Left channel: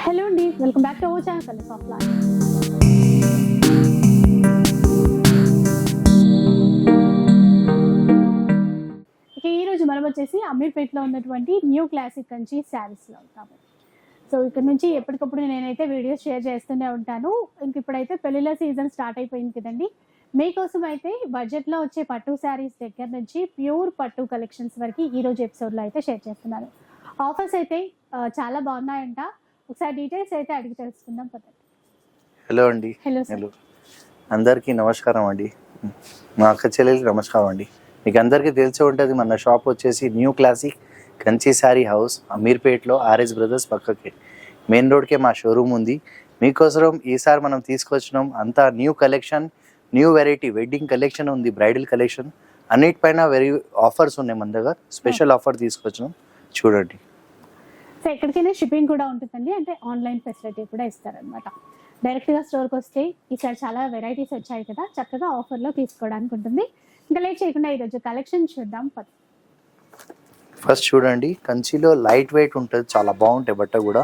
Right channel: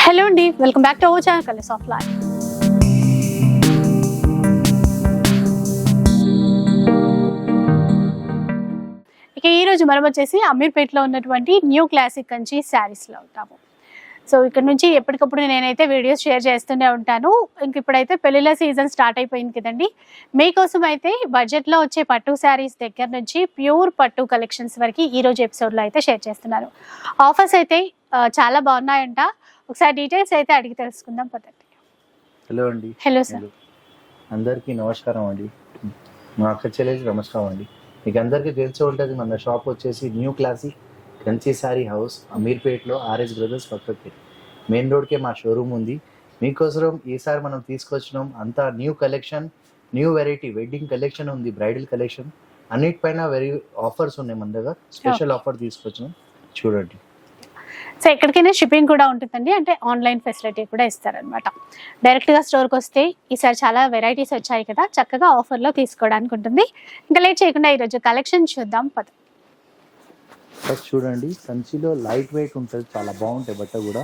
Hello అండి, welcome back to our channel colours of life. ఇక ఈరోజు మనం వచ్చేసి అమీర్పేటలో ఉన్నటువంటి న్యూ క్లాసిక్ కంచి శారీస్లో ఉంటాము. సో ఇక్కడ నుంచి ఎప్పటికప్పుడు నేనైతే వీడియోస్ షేర్ చేస్తూనే ఉంటాను. ఇంక ఇప్పుడైతే పెళ్ళిళ్ళ సీజన్ స్టార్ట్ అయిపోయింది కదండి. మీకోసం అయితే బడ్జెట్లో వచ్చే పట్టు శారీస్ దగ్గర నుంచి ప్యూర్ పట్టు కలెక్షన్స్ వరకు ఈరోజు ఎపిసోడ్లో అయితే షేర్ చేస్తున్నాను. ఆఫర్స్ అయితే చాలా బాగున్నాయంట. ఒకసారి డీటెయిల్స్ అయితే అడిగి తెలుసుకుందాం పదండి. హలో అండి. Hello sir. అందరికీ నమస్కారం అండి. మా అక్క చెల్లెలకి నమస్కారం అండి. మీకు అందరికీ తెలిసి ఉంటుంది, మన షాప్ వచ్చేసి new classic Kanchi sari house అమీర్పేట్లో ఆర్ఎస్ బ్రదర్స్ పక్కకి మెయిన్ రోడ్కే మా షోరూమ్ ఉంది. మీకోసం ఈసారి మనం తీసుకొచ్చినాం అంతా new collection, new variety wedding collection ఉంది, బ్రైడల్ కలెక్షన్ అన్నిటిపైన వెరీ ఆఫర్స్ ఉన్నాయి. మన దగ్గర స్పెషల్ ఆఫర్ తీసుకొచ్చినాం, చూడండి. సో ఎక్కడికైనా షిప్పింగ్ కూడా ఉంటుందండి, అంటే ఆన్లైన్ ఫెసిలిటీ కూడా ఇస్తారనమాట. డైరెక్ట్గా స్టోర్కి వస్తే ఈసారి చాలా వెరైటీస్ వచ్చాయి కదా, చక్కగా ఆఫర్లో తీసుకోవడానికి ఉంటుంది. ఇంకా లేట్ చేయకుండా ఈరోజు కలెక్షన్ చూద్దాం పద. ఫస్ట్ చూడండి, కంచిలో లైట్ వెయిట్ ఉంటుంది, చాలా బాగుంటాయి. బట్ట కూడా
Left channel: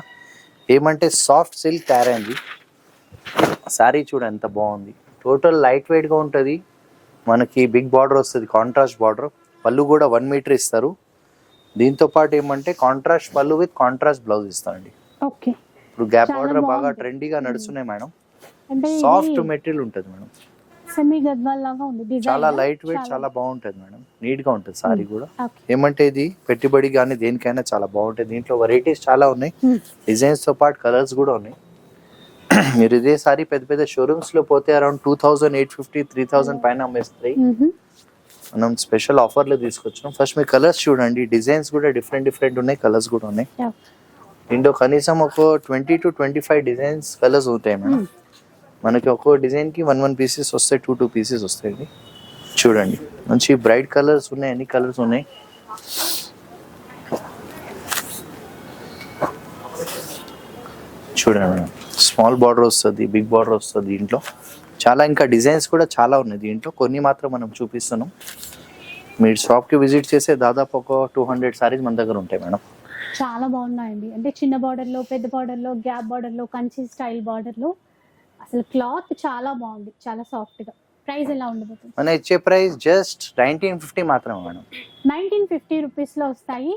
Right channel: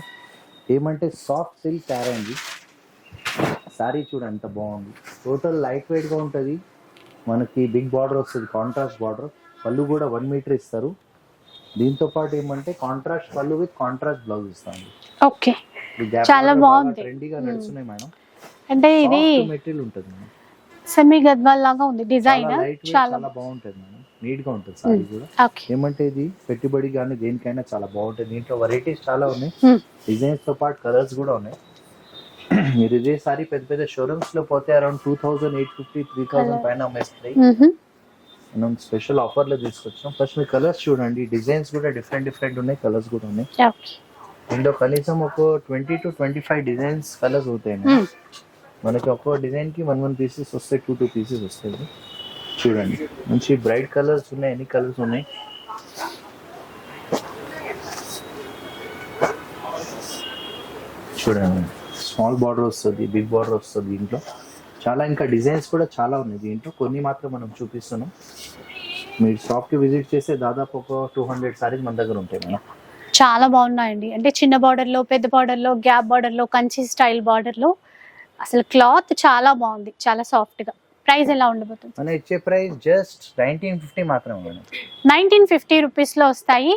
ఏమంటే సాఫ్ట్ సిల్క్ తయారు అయింది. శారీ చూడ ఎంత బాగుంది, టోటల్ లైట్ వెయిట్గా ఉంటుంది. మనకి బిగ్ బార్డర్ వస్తుంది, కాంట్రాస్ట్ బార్డర్. పళ్ళు కూడా 1 మీటర్ ఇస్తారు. దీంతో పాటు ఏమంటే కాంట్రాస్ట్ పళ్ళు విత్ కాంట్రాస్ట్ బ్లౌజ్ ఇస్తామండి. ఓకే, ఇప్పుడు గ్యాప్ బార్డర్ బాగా ట్రెండీగా నడుస్తున్నాయి మేడం. అంటే ఇది సాఫ్ట్ మెటీరియల్ ఉంటుంది మేడం, సెమీ గద్వాల్ లాగా ఉంది డిజైన్. చాలా లైట్ వెయిట్, చాలా బాగుంటుంది మేడం. నీట్ గా ఉంటుంది సారీ కూడా. ఓకే, ఏమంటే ఇది పెట్టుబడి కానీ దేనికైనా చాలా బాగుంటుంది. దీంట్లో వెరైటీస్ చాలా ఉన్నాయి, డిజైన్స్ తో పాటు కలర్స్ కూడా ఉన్నాయి. మీరు ఇదే సారీ పెద్ద పెద్ద షోరూమ్స్ లో పోతే అరౌండ్ 2850 3000 పైన అమ్మేస్తాయి. మనం స్పెషల్ ఆఫర్ లో తీసుకొచ్చాం. ఫస్ట్ మీ కలర్స్ చూడండి, డిజైన్స్ కూడా డిఫరెంట్ ఉన్నాయి, కలర్స్ కూడా ఉన్నాయి. దీంట్లో కనీసం ఒక 20 to 25 డిజైన్స్ కలర్స్ ఉంటాయి మేడం. మనకి ఒక్కో డిజైన్ కి 1 పీసెస్ వస్తాయి, 2 పీసెస్ వస్తాయి. చూడండి, మంచి బ్రైట్ కలర్స్ ఉన్నాయి, అన్ని కలర్స్ ఉన్నాయి. చూడండి, స్మాల్ బార్డర్ వస్తుంది, బిగ్ బార్డర్ వస్తుంది. దీంట్లో చాలా ఇంకా డిజైన్స్ కూడా చాలా ఉన్నాయి. దీంట్లో కొన్ని మాత్రం మనం చూపిస్తున్నాం. మీరు షాప్కి విజిట్ చేస్తే దాదాపు ఒక 200 సారీస్ మన దగ్గర ఉంటాయి మేడం. చాలా బాగున్నాయండి. అంటే చిన్న బార్డర్లో, పెద్ద బార్డర్లో, గ్యాప్ బార్డర్లో, కంచి స్టైల్ బార్డర్లో అసలు క్లాత్ చాలా బాగుంది, చాలా సాఫ్ట్గా. ప్రైస్ ఎలా ఉండబోతుంది? మన ఇచ్చే ప్రైస్ జస్ట్ 1950 మాత్రమే మేడం. 1950 రూపీస్లో వస్తాయి.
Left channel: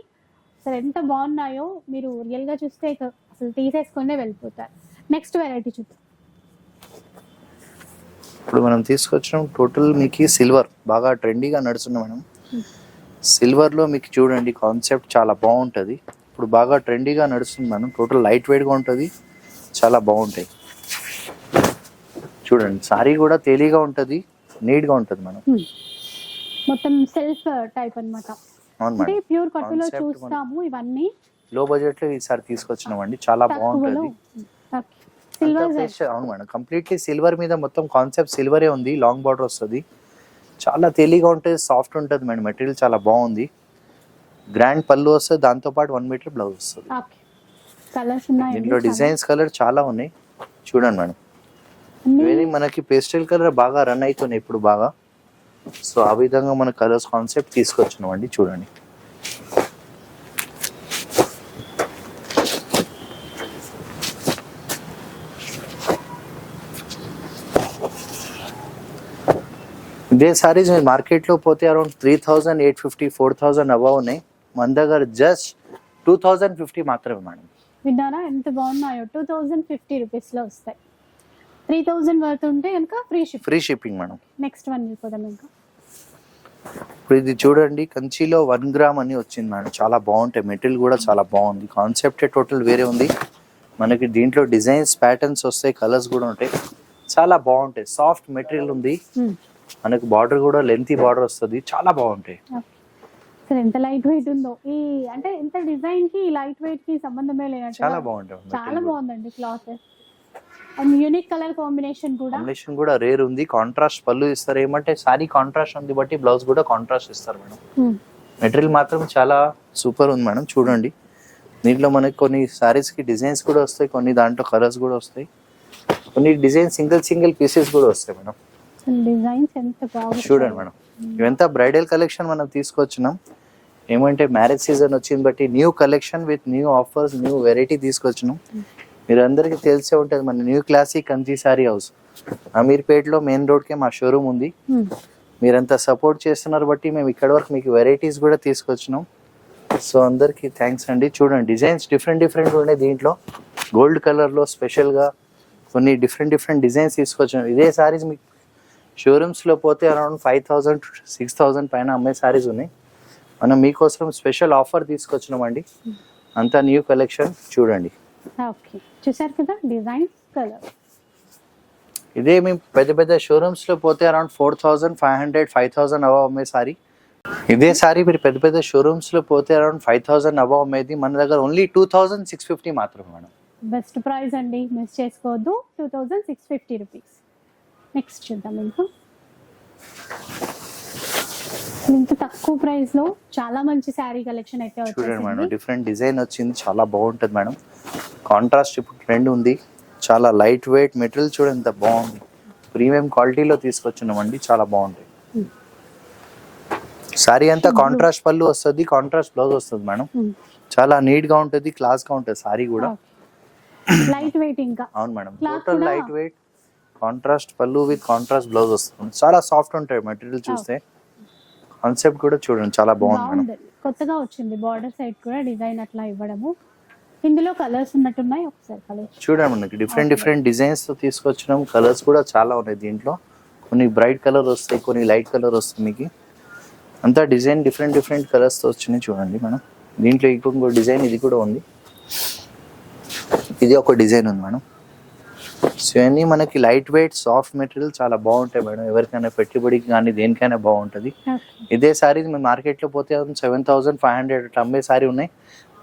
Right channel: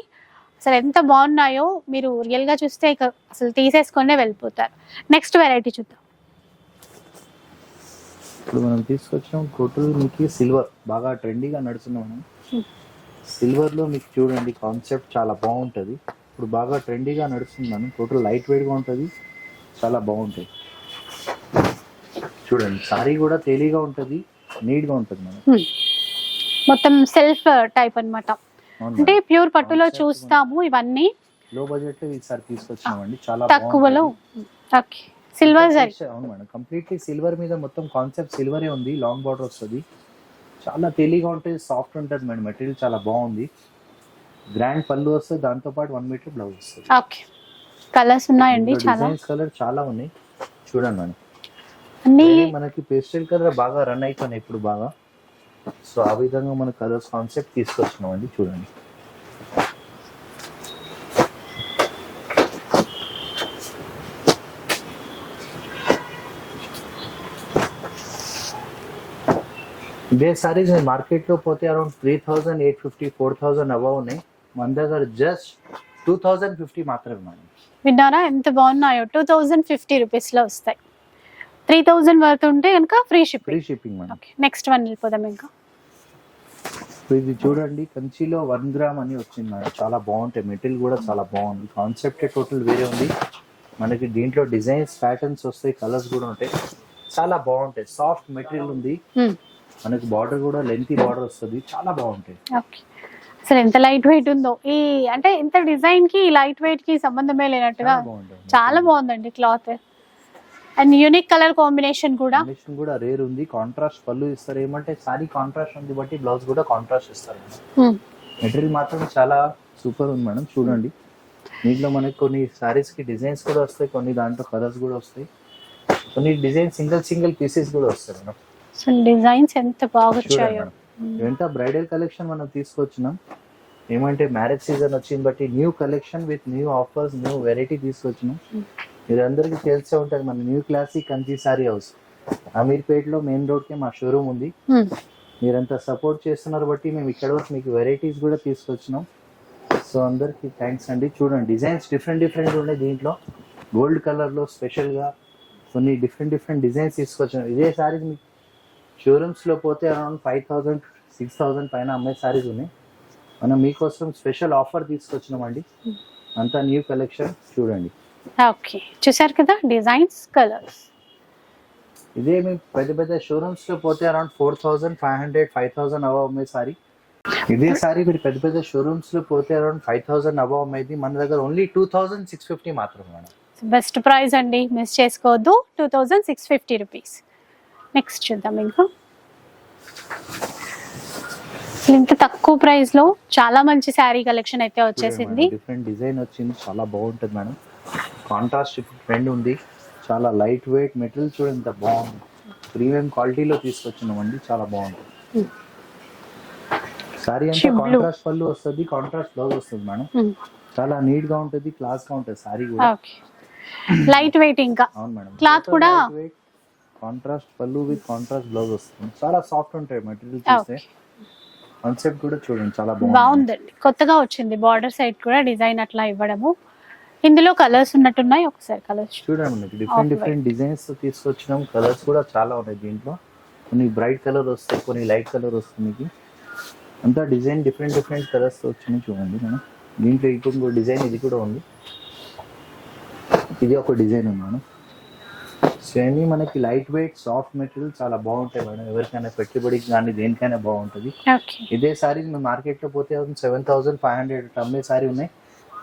అసలు ఎంత బాగున్నాయో మీరు రియల్గా చూస్తే ఇక అసలు తీసేసుకునే వెళ్ళిపోతారు. నెక్స్ట్ వెరైటీ చూద్దాం. ఇప్పుడు మనం తీసుకొచ్చిన టోటల్ మీకు సిల్వర్ బాగా ట్రెండీగా నడుస్తుంది మేడం. సిల్వర్లో మీకు చూడండి కాన్సెప్ట్ చాలా బాగుంటుంది. ఇప్పుడు బాగా ట్రెండీగా నడుస్తుంది మేడం. టోటల్ లైట్ వెయిట్గా ఉంటుంది, చాలా బాగుంటాయి. చూడండి, సారీ కూడా తేలిగా ఉంటుంది, నీట్గా ఉంటుంది మేడం. మొత్తం సెల్ఫ్ టైప్ అన్నమాట. అంటే ప్యూర్ పట్టులో చూస్తాము ఇవన్నీ. లో బడ్జెట్లో ఈసారి తీసుకొచ్చినామండి, చాలా తక్కువలో. బాగుంటుంది. సిల్వర్ అవును మేడం, కంప్లీట్లీ సిల్వర్ మీద మొత్తం కాన్సెప్ట్ సిల్వరే ఉంది. లాంగ్ బార్డర్ వస్తుంది, చాలా తేలిగా ఉంటుంది, సాఫ్ట్ ఉంటుంది మేడం. మెటీరియల్ చాలా బాగుంది. గ్రాండ్ పళ్ళు వస్తుంది, దాంతో పాటు 1 మీటర్ బ్లౌజ్ వస్తుంది. ఓకే, కలర్స్ ఉన్నాయండి, డిజైన్స్ కలర్ చాలా ఉన్నాయి. చూడండి మేడం, మనకి పేస్టల్ కలర్ బాగా రన్ అవుతున్నాయి ఇప్పుడు బాగా. సో ఆ విధంగా మన కలర్స్ కాన్సెప్ట్ తీసుకొచ్చినాం అండి. చూడండి, ఇదే సారీస్ మీరు మార్కెట్లో పోతే అరౌండ్ 3850 4000 అబవ్ ఉన్నాయి. మన దగ్గర జస్ట్ 2050 మాత్రమే మేడం. విన్నారా ఎంత బాగున్నాయో? 2050 రూపీస్లో వస్తాయి. 3000 వరకు ఉంటే కనుక free shipping madam. Next one వెళ్ళిపోదాం. ఇంకా ఇప్పుడు ఇది చూడండి, కంచిలో 1 గ్రామ్ అని వచ్చింది మేడం. చాలా బాగుంటాయి, మెటీరియల్ కూడా చాలా బాగుంది. కాన్సెప్టే టోటల్ వేరే ఉంది. మనకి దీంట్లో డిజైన్స్ ప్యాటర్న్స్ వస్తాయి, కలర్స్ కూడా ఉంటాయి, చాలా బాగుంటాయి. సాఫ్ట్ మెటీరియల్ ఉంది. మనకి బార్డర్ కూడా లెంతీ బార్డర్ వస్తుంది, చాలా బాగుంటాయి. అసలు ఎంత లైట్ వెయిట్ ఉందో. ఈ అంటే ఇంత డిజైన్ కి లైట్ వెయిట్ కి సంబంధమే లేనట్టుగా చాలా బాగుందండి cloth. And unique colour combination కూడా రేర్ ఉంది. కాంట్రాస్ట్ పళ్ళు ఇస్తారు. ఏమంటే సారీ కాంట్రాస్ట్ ఉంది బట్టి బ్లౌజ్ కూడా కాంట్రాస్ట్ ఇస్తారు మేడం. మెటీరియల్ మాత్రం చాలా సూపర్ ఉంది మేడం. చూడండి, దీంట్లో మనకి కొన్ని సారీస్ కి డిజైన్స్ కూడా వస్తాయి, కొన్ని దాంట్లో కలర్స్ కూడా వస్తాయి, కొన్ని డిజైన్ సింగిల్ పీసెస్ కూడా వస్తాయి మేడం. డిజైన్స్ ఎంత బాగా చూడండి మేడం, ఇవంతా బ్రైడల్ కలెక్షన్ మనం తీసుకొచ్చినాం. ఏమంటే మ్యారేజ్ సీజన్ వచ్చింది బట్టి new collection with new offers, new variety తీసుకొచ్చినాం. మీరు అందరికీ తెలిసే ఉంటుంది మన new classic Kanchi sari house అమీర్పేట్లో మెయిన్ రోడ్కే మా షోరూమ్ ఉంది. మీరంతా సపోర్ట్ చేస్తున్నారు బట్టి మేము ఇక్కడ వరకు మీకు వెరైటీస్ కూడా తీసుకొచ్చినాం. సో అందరికీ థ్యాంక్స్ అండి. చూడండి డిజైన్స్ డిఫరెంట్ ఉన్నాయి దీంట్లో. గోల్డ్ కలర్లో స్పెషల్గా కొన్ని డిఫరెంట్ డిజైన్స్ తీసుకొచ్చినాం. ఇదే సారీస్ మీకు షోరూమ్స్లో పోతే అరౌండ్ 5,000 to 6,000 పైన అమ్మే సారీస్ ఉన్నాయి. మనం మీకోసం స్పెషల్ ఆఫర్ తీసుకొచ్చినామండి. అంతా న్యూ కలెక్షన్ చూడండి. ఓకే, చూసారు కదా డిజైన్స్, కలర్స్. ఇదే మేము పెద్ద షోరూమ్స్లో పోతే అరౌండ్ 4,500 5,000 అబవ్ అమ్మే సారీ. ఇదే సారీ మీరు పెద్ద షోరూమ్స్లో పోతే అరౌండ్ 5,000 అబవ్ అమ్మేది. మన దగ్గర ఓన్లీ 2,650 మాత్రమే మేడం. బెస్ట్ ప్రైస్ అండి, మిస్ చేసుకోవద్దు. 2,650 రూపీస్. నెక్స్ట్ చూద్దాం. ఇంకా ఇంత తక్కువ ప్రైస్ లో చాలా మంచి శారీ కలెక్షన్ అయితే వచ్చేసింది. డిఫరెంట్ డిజైన్ వచ్చింది, చాలా బాగుంటుంది మేడం. కాంట్రాస్ట్ ఇప్పుడు ట్రెండ్ ఉంది. చాలా లైట్ వెయిట్ మెటీరియల్ చూడండి ఎంత బాగుంది. ప్రీమియం క్వాలిటీలో తీసుకొచ్చినామండి, చాలా బాగుంటుంది. సారీ అంతా కాంట్రాస్ట్ పళ్ళు వస్తుంది, కాంట్రాస్ట్ బ్లౌజ్ వస్తుంది మేడం. చాలా నీట్ గా ఉంటుంది, క్లాస్ గా ఉంటుంది సారీ కూడా. లైట్ వెయిట్ ఇంకా. అవును మేడం, క్లాత్ కూడా లైట్ వెయిట్, కాంట్రాస్ట్ పళ్ళు విత్ కాంట్రాస్ట్ బ్లౌజ్ వస్తుంది. చాలా సాఫ్ట్ ఉంటాయి మెటీరియల్. చూస్తే కాన్సెప్ట్ కూడా చూడండి చాలా బాగుందండి, కొత్తగా వచ్చింది. బార్డర్ సైడ్ కూడా డిజైన్ అట్లా ఇవ్వడము. ఇందులో కలర్స్ ఉన్నట్టున్నాయి, ఒకసారి కలర్స్ చూడండి. మనకి డిఫరెంట్ డిజైన్స్ తో తీసుకొచ్చినాం. కలర్స్ కూడా చాలా ఉన్నాయి దీంట్లో. కొన్ని బ్రైట్ కలర్ వస్తాయి, కొన్ని లైట్ కలర్ వస్తుంది. మీకు అంతా డిజైన్ డిఫరెంట్ కలర్స్ తో వచ్చినాయి చూడండి మేడం. దీంట్లో ఇంకొక డిజైన్ ఇది కూడా ఉంది. ఇది ఒక డిజైన్ ఉంది మేడం. సో ఇవన్నీ మనకి లైట్ వెయిట్ సాఫ్ట్ మెటీరియల్ చాలా బాగుంటాయి మేడం. ఎవరికైనా పెట్టుబడికి కానీ దేనికైనా బాగుంటుంది. ఇదే సారీ మేము మార్కెట్లో పోతే 7,500 అట్లా అమ్మే సారీ ఉన్నాయి.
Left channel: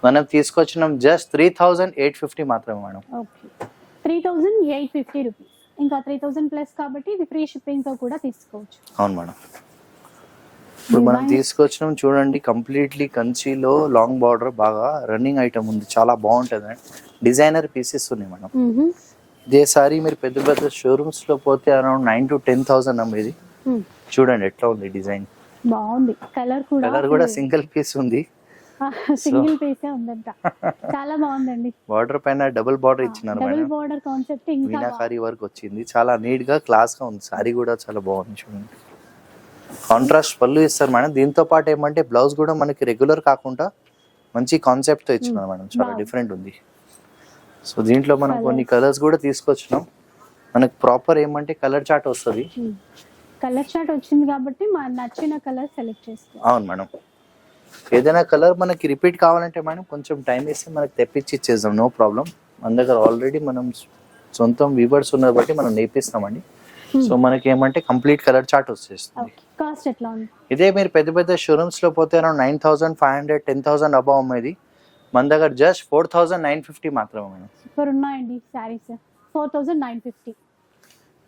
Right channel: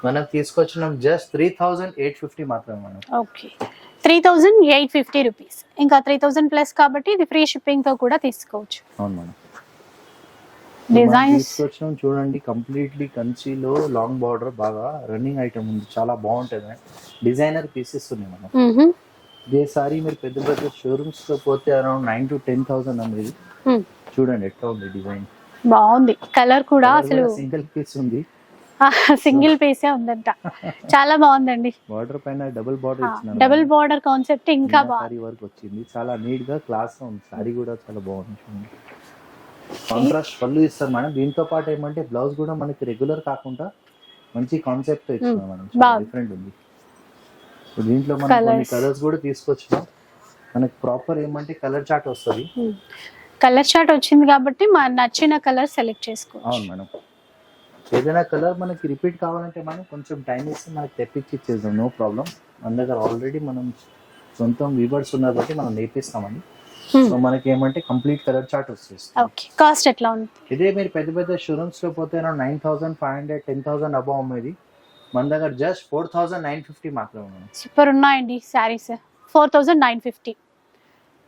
మనం తీసుకొచ్చినాం జస్ట్ 3,850 మాత్రమే మేడం. Okay, 3,850 rupees. ఇంకా 3,000 ప్లస్ కాబట్టి ఇది ఫ్రీ షిప్పింగ్ తో కూడా తీసుకోవచ్చు. అవును మేడం. తీసుకొచ్చినాం చూడండి, కంప్లీట్లీ కంచిలో లాంగ్ బార్డర్ బాగా రన్నింగ్ ఐటమ్ ఉంది, చాలా బాగుంటుంది. డిజైనర్ పీసెస్ ఉన్నాయి మేడం. ఇదే సారీ మీరు పెద్ద షోరూమ్స్ లో పోతే అరౌండ్ 9,000 to 10,000 అమ్మేది. చూడండి ఎట్లా ఉంది డిజైన్, బాగుంది. కలర్ కూడా సింగిల్ పీస్ ఉంది, సింగిల్ పీసే ఉందంట. చాలా బాగుందండి. బార్డర్ పైన డబుల్ బార్డర్ ఇచ్చినారు. డబుల్ బార్డర్ కాన్సెప్ట్ ఇంకా సారీ వర్క్ వచ్చింది. చాలా నీట్ గా క్లాస్ గా ఉంది. సారీ కూడా చాలా బాగుంది చూడండి. కాంట్రాస్ట్ పళ్ళు ఇస్తారు మేడం. దీంతో పాటు ఏమంటే బ్లౌజ్ కూడా మనకి రెగ్యులర్ కాకుండా మంచి కాన్సెప్ట్ తో ఇచ్చినారు మేడం. చాలా డిఫరెంట్ ఉంది. సో దీంట్లో మనం కొన్ని కలర్స్ కూడా తీసుకొచ్చినాం. మనకి ప్రాపర్ ఏమంటే కలర్ చార్ట్ వస్తుంది. కలర్ చార్ట్ వచ్చింది కాబట్టి మన నచ్చిన కలర్ సెలెక్ట్ చేసుకో. అవును మేడం. ఏదైనా కలర్ మనకి రిపీట్ కావాలంటే మేడం కొంచెం టైం ఇస్తే మనకి తెప్పించి ఇచ్చేద్దాం, నో ప్రాబ్లం. మన దగ్గర ఆల్రెడీ మనం సొంతం వీవర్స్ ఉన్నారు బట్టి మనం నేర్పిస్తామండి. సో మనకి ఏమంటే కంప్లీట్ కలర్ చార్ట్ వచ్చేస్తుంది. కాస్ట్ ఎట్లా ఉంది? ఇదే మీరు పెద్ద షోరూమ్స్ లో పోతే అరౌండ్ 9,500 10,000 అబౌవ్ అమ్మేది. మన దగ్గర జస్ట్ 4,950 మాత్రమే. సూపర్ ఉన్నాయండి సారీస్. 4,950.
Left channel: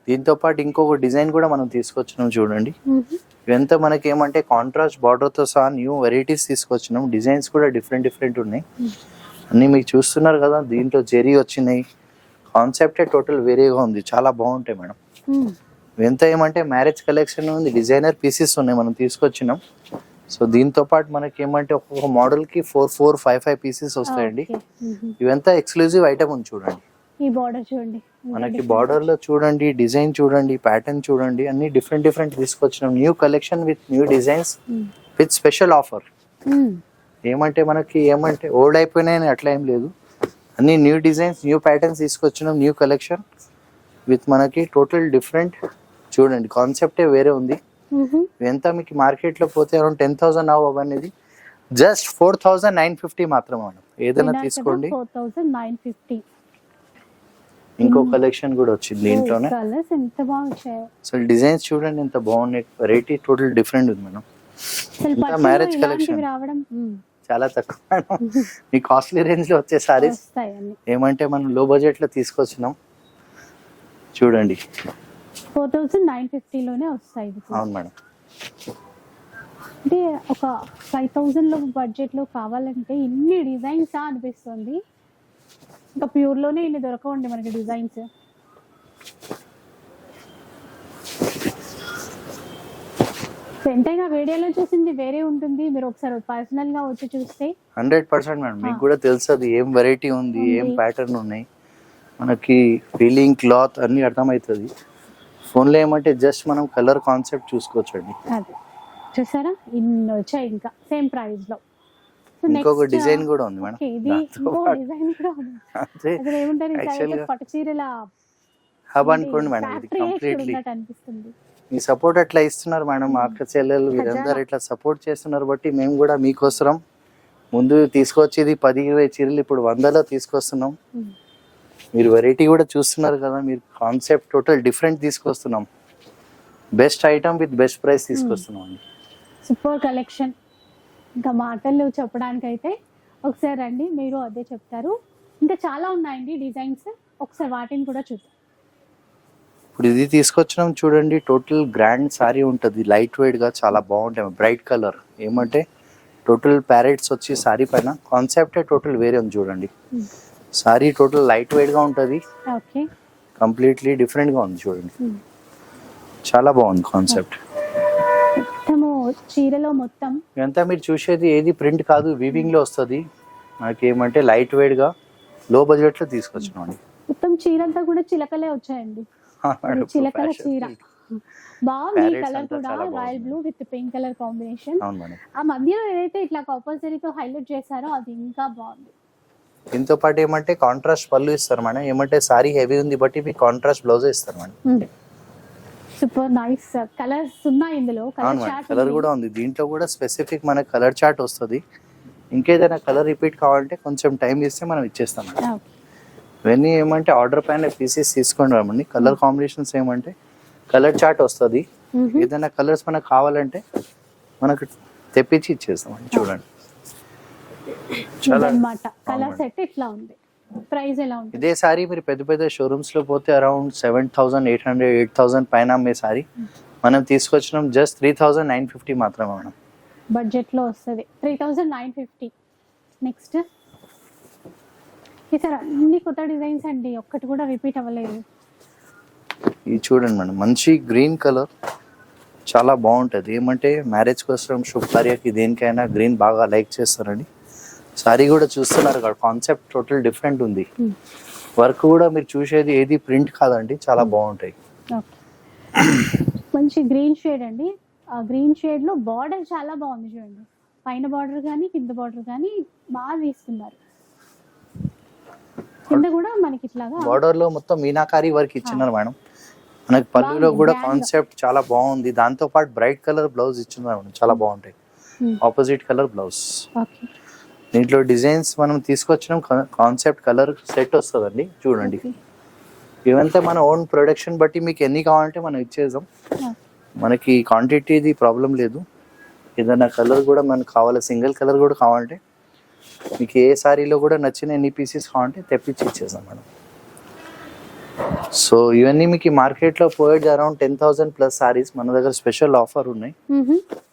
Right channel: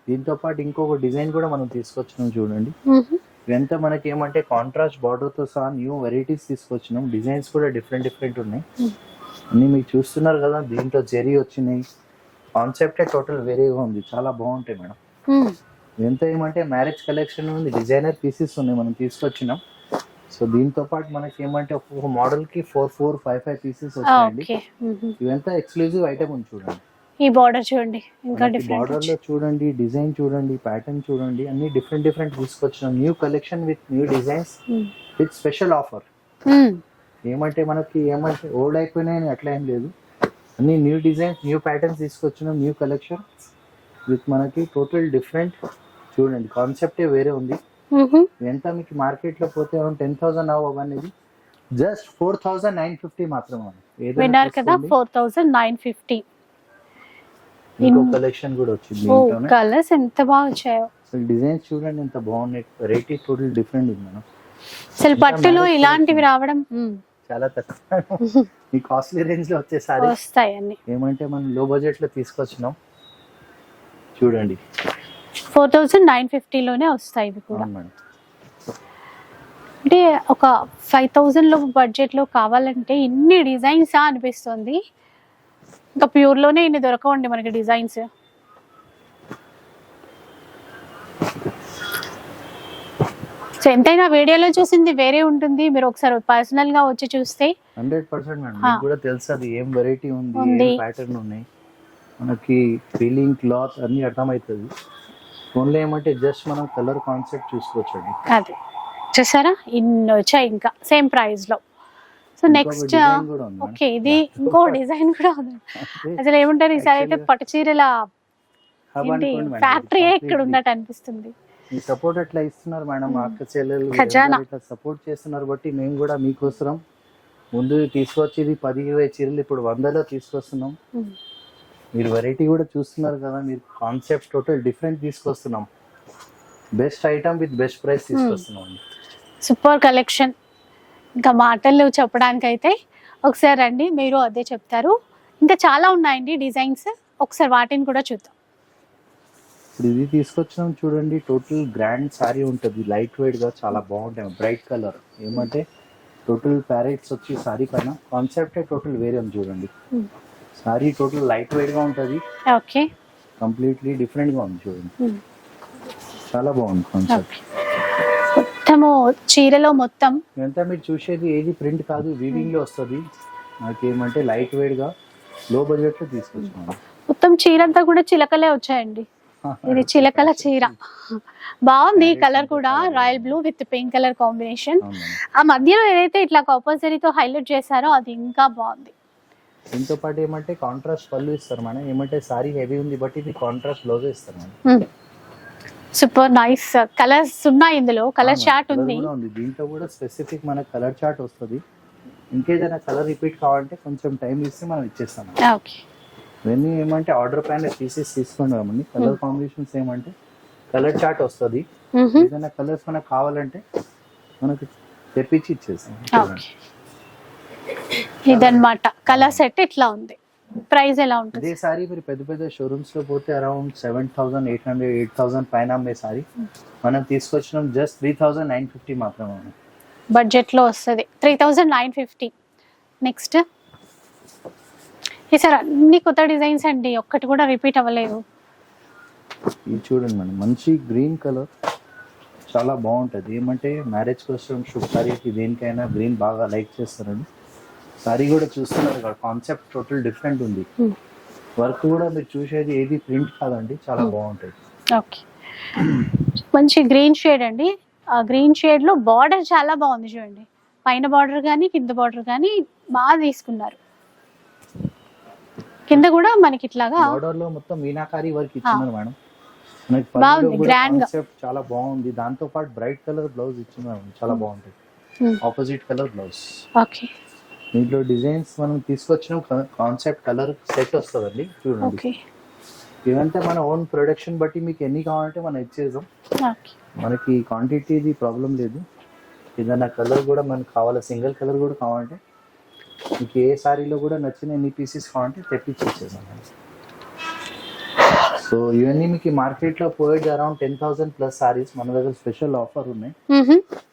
దీంతో పాటు ఇంకొక డిజైన్ కూడా మనం తీసుకొచ్చినాం చూడండి. ఇవంతా మనకి ఏమంటే కాంట్రాస్ట్ బార్డర్ తో సహా న్యూ వెరైటీస్ తీసుకొచ్చినాం. డిజైన్స్ కూడా డిఫరెంట్ ఉన్నాయి. అన్ని మీకు చూస్తున్నారు కదా. దీంట్లో జెరీ వచ్చినాయి. కాన్సెప్టే టోటల్ వేరేగా ఉంది, చాలా బాగుంటాయి మేడం. ఇవంతా ఏమంటే మ్యారేజ్ కలెక్షన్ ఉంది, డిజైనర్ పీసెస్ ఉన్నాయి మనం తీసుకొచ్చినాం. సో దీంతో పాటు మనకి ఏమంటే ఒక్కొక్క మోడల్ కి 4, 5 పీసెస్ వస్తాయండి. ఇవంతా ఎక్స్క్లూజివ్ ఐటమ్ ఉంది చూడండి. ఈ బార్డర్ చూడండి, బార్డర్ లో చూడండి, డిజైన్ చూడండి, ప్యాటర్న్ చూడండి, అన్ని డిఫరెంట్ తీసుకొచ్చినాం. New collection with new designs with special offer. ఏమంటే మనకి ఏమంటే ఓల్డ్ అయిపోయినాయని అట్లా ఏం లేదు. అన్ని న్యూ డిజైన్స్, న్యూ ప్యాటర్న్స్ తీసుకొచ్చినాం. న్యూ కలెక్షన్ విత్ మనకి టోటల్ డిఫరెంట్ చూడండి. కాన్సెప్టే వేరే ఉంది. ఎంత మీకు మార్కెట్ లో పోతే అరౌండ్ 10,000 అవనేది జస్ట్ 4,950 మాత్రమే. ఏదైనా తీసుకోండి. 4,950. ఇంకో కలెక్షన్ కూడా వచ్చింది దీంట్లోనే. కలర్స్ ఎంత బాగా వచ్చాయో. అసలు డిజైన్స్ చూడండి ఎంత బాగున్నాయి. వెరైటీ టోటల్ డిఫరెంట్ ఉంది మేడం. అసలు పట్టులో ఇలాంటివి రావడం చాలా తక్కువ. మీ కాస్ట్లీ రేంజ్ లో వచ్చే సారీస్ వస్తాయి అన్ని. ఏమంటే మనం లో బడ్జెట్ లో తీసుకొచ్చినాం చూడండి. 4,950 లోనే వస్తాయి ఇవి. అవును మేడం. అంటే ఒక 5,000 లో బడ్జెట్ లో కావాలంటే ఇన్ని డిజైన్స్ అనిపిస్తుంది. ఇంకా ప్యూర్ లోనే ఇన్ని దొరకవండి మనకి డిజైన్స్. సో ఎంతైనా వీడియోలో చూసింది వేరే ఉంటుంది. మీరు ఒకసారి పర్సనల్ గా వచ్చి చూస్తే 100% మేడం. మీకు కూడా తెలుసు అది ఏం వెరైటీ ఉంది, ఏం ప్యాటర్న్ ఉన్నాయి. మనకి ఫీలింగ్ క్లాత్ అన్ని అర్థమవుతుంది. ఫోన్లో ఏమంటే జస్ట్ మనం కలర్ కాన్సెప్ట్ చూసుకోవచ్చు అండి. అది చూసారా ఇన్ని వచ్చాయి ఇంకా సేమ్ ప్రైస్ లో. సో ఇంకొక నెక్స్ట్ డిజైన్ కూడా ఉంది మేడం. ఓకే, ఇది ఇంకో డిజైన్ కూడా ఉంది. అంటే అసలు ఏమంటారు ఈసారి అయితే పట్టు చీరల హబ్ అనుకోండి మేడం. ఫ్యాక్టరీ ఇక్కడ ఉన్నట్టు అనిపిస్తుంది. మీ సపోర్ట్ అట్లా ఇస్తున్నారు మేడం. మా అక్క చెల్లెలు వీరందరూ ఇట్లా సపోర్ట్ చేస్తున్నారు బట్టి మేము కూడా మీకోసం ముందు తీసుకొచ్చేది 10-20 చీరలు ఇప్పుడు 100లో తీసుకొస్తున్నాం. మీరు వెరైటీ కూడా చూస్తున్నారు కదా, మీరు కాన్సెప్ట్ టోటల్ డిఫరెంట్ తీసుకొస్తున్నాం. Best item with best price తీసుకొస్తున్నాం. Super collection. ఇంకా మాటలు చెప్పడానికి అయితే ఒకసారి రండి, మీరు అదే చెప్తారు. ఇంకా చాలా ఉన్నాయండి డిజైన్స్, ఒకసారి వాటిని కూడా చూద్దాం. ఇప్పుడు ఇది తీసుకొచ్చినాం చూడండి, టోటల్ గ్రాండ్ సారీ ఉంటుంది. లైట్ వెయిట్ గా చాలా బాగుంటాయి. బ్రైట్ కలర్ ఏమంటే టోటల్ ప్యారెట్స్ వచ్చి సారీ పైన కాన్సెప్ట్ టోటల్ వేరే ఉంది చూడండి. సారీ టోటల్ లైట్ వెయిట్ గా ఉంటుంది. ఓకే, కంప్లీట్లీ డిఫరెంట్ గా ఉంది చూడండి. చాలా బాగుంది కాన్సెప్ట్. మొత్తము చీరలో మొత్తం ఇదంతా మీరు చూసేది ఏది ప్రింట్ కాదు, వీవింగ్ లో వస్తుంది. మనకి ఏమంటే లైట్ వెయిట్ గా లో బడ్జెట్ లో తీసుకొచ్చినాం. మొత్తం చీర అంతా కూడా చిలకలే వచ్చాయండి. ఇది చిలకల చీర బాగుంది. కలర్ కూడా royal blue with pink colour combination. ఆ మధ్యలో ఏదైతే ఇట్లా కంపల్సరీతో హైలైట్ చేశారో అది ఇంకా బాగుంది. దీంతో పాటు ఏమంటే కాంట్రాస్ట్ పళ్ళు ఇస్తారు మేడం. ఏమంటే సారీ హెవీ ఉంది బట్టి మీకు కాంట్రాస్ట్ బ్లౌజ్ ఇస్తారు మేడం. సూపర్ నైస్ కలర్స్ ఉన్నాయి ఇందులో. కలర్ చార్ట్ కలర్ కూడా ఉంది. దీంట్లో కూడా స్పెసిఫిక్ మనకి కలర్ చార్ట్ వస్తుంది. ఇంకేదైనా కలర్ రిపీట్ కావాలంటే కొంచెం టైం ఇస్తే మనం ఇచ్చేస్తాం. ఓకే, ఇవన్నీ ఏమంటే ఆర్డర్ పైన పీసెస్ తీసుకోండి రామండి. కలర్ కాంబినేషన్స్ ఏమంటే కలర్ చార్ట్ వస్తుంది. ఏదైనా కలర్స్ మనకు కావాలంటే మనకు తెప్పించి ఇచ్చేస్తాం. చూడండి ఇదన్నమాట కలర్ సెట్ ఇట్లా ఉంది. ప్రైస్ ఎలా ఉంటుంది? ఇదే సారీ మీరు పెద్ద పెద్ద షోరూమ్స్ లో పోతే అరౌండ్ 7,800 8,000 పైన అమ్మే సారీ మనం తీసుకొచ్చినాం జస్ట్ 3,950 మాత్రమే మేడం. బడ్జెట్ లో వస్తుంది 3,950. నెక్స్ట్ ఈసారి అన్ని కొత్త డిజైన్స్ అండి, ఒక్కటి కూడా రిపీట్ అవ్వలేదు. ఇది చూడండి మేడం, మంచి గ్రీన్ కలర్ చాలా బాగుంటుంది. ఏమంటే మ్యారేజ్ కోసం శుభకార్యకి దేనికైనా గ్రీన్ బాగా లైక్ చేస్తారండి. సారీ కూడా చూస్తున్నారు కదా, కాన్సెప్ట్ టోటల్ డిఫరెంట్ ఉంది. వర్క్ కూడా మీరు చూసేది ఏది ప్రింట్ కాదండి, చాలా బాగుంటాయి. ఓకే, మంచి గ్రీన్ షేడ్ అండి. ఆ గ్రీన్ షేడ్ లో బార్డర్ చాలా బాగుంది చూడండి. పైన బార్డర్ కానీ కింద బార్డర్ కానీ బాగా తీసుకున్నారు. కింద కూడా మనకి ఇట్లాగా బార్డర్ లో మొత్తం మీనాకారి వర్క్ ఇచ్చినారు మేడం. మనకి పళ్ళులో కూడా కాన్సెప్ట్ చాలా బాగుంది. దాంతో పాటు బ్రైట్ కలర్ బ్లౌజ్ ఇచ్చినారు, చాలా బాగుంటాయి. Opposite colour blouse. ఓకే, దీంట్లో డిజైన్స్ మనం తీసుకొచ్చినాం. కాన్సెప్ట్ కలర్ సెట్ వస్తుందండి చూడండి. ఇవంతా మన ఓన్ ప్రొడక్షన్ బట్టి మీకు ఎన్ని కావాలంటే మనం ఇచ్చేద్దాం. మనకి క్వాంటిటీది ప్రాబ్లం లేదు. ఏదైనా కలర్ కూడా మనకు కావాలి, సింగిల్ కలర్ కూడా కావాలంటే మీకు ఏ సారీలో కూడా నచ్చిన ఎన్ని పీసెస్ కావాలంటే తెప్పించి ఇచ్చేద్దాం మేడం. సో ఇవన్నీ మీకు మార్కెట్లో పోయేది అరౌండ్ 10,000 ప్లస్ సారీస్. మన దగ్గర స్పెషల్ ఆఫర్ ఉన్నాయి.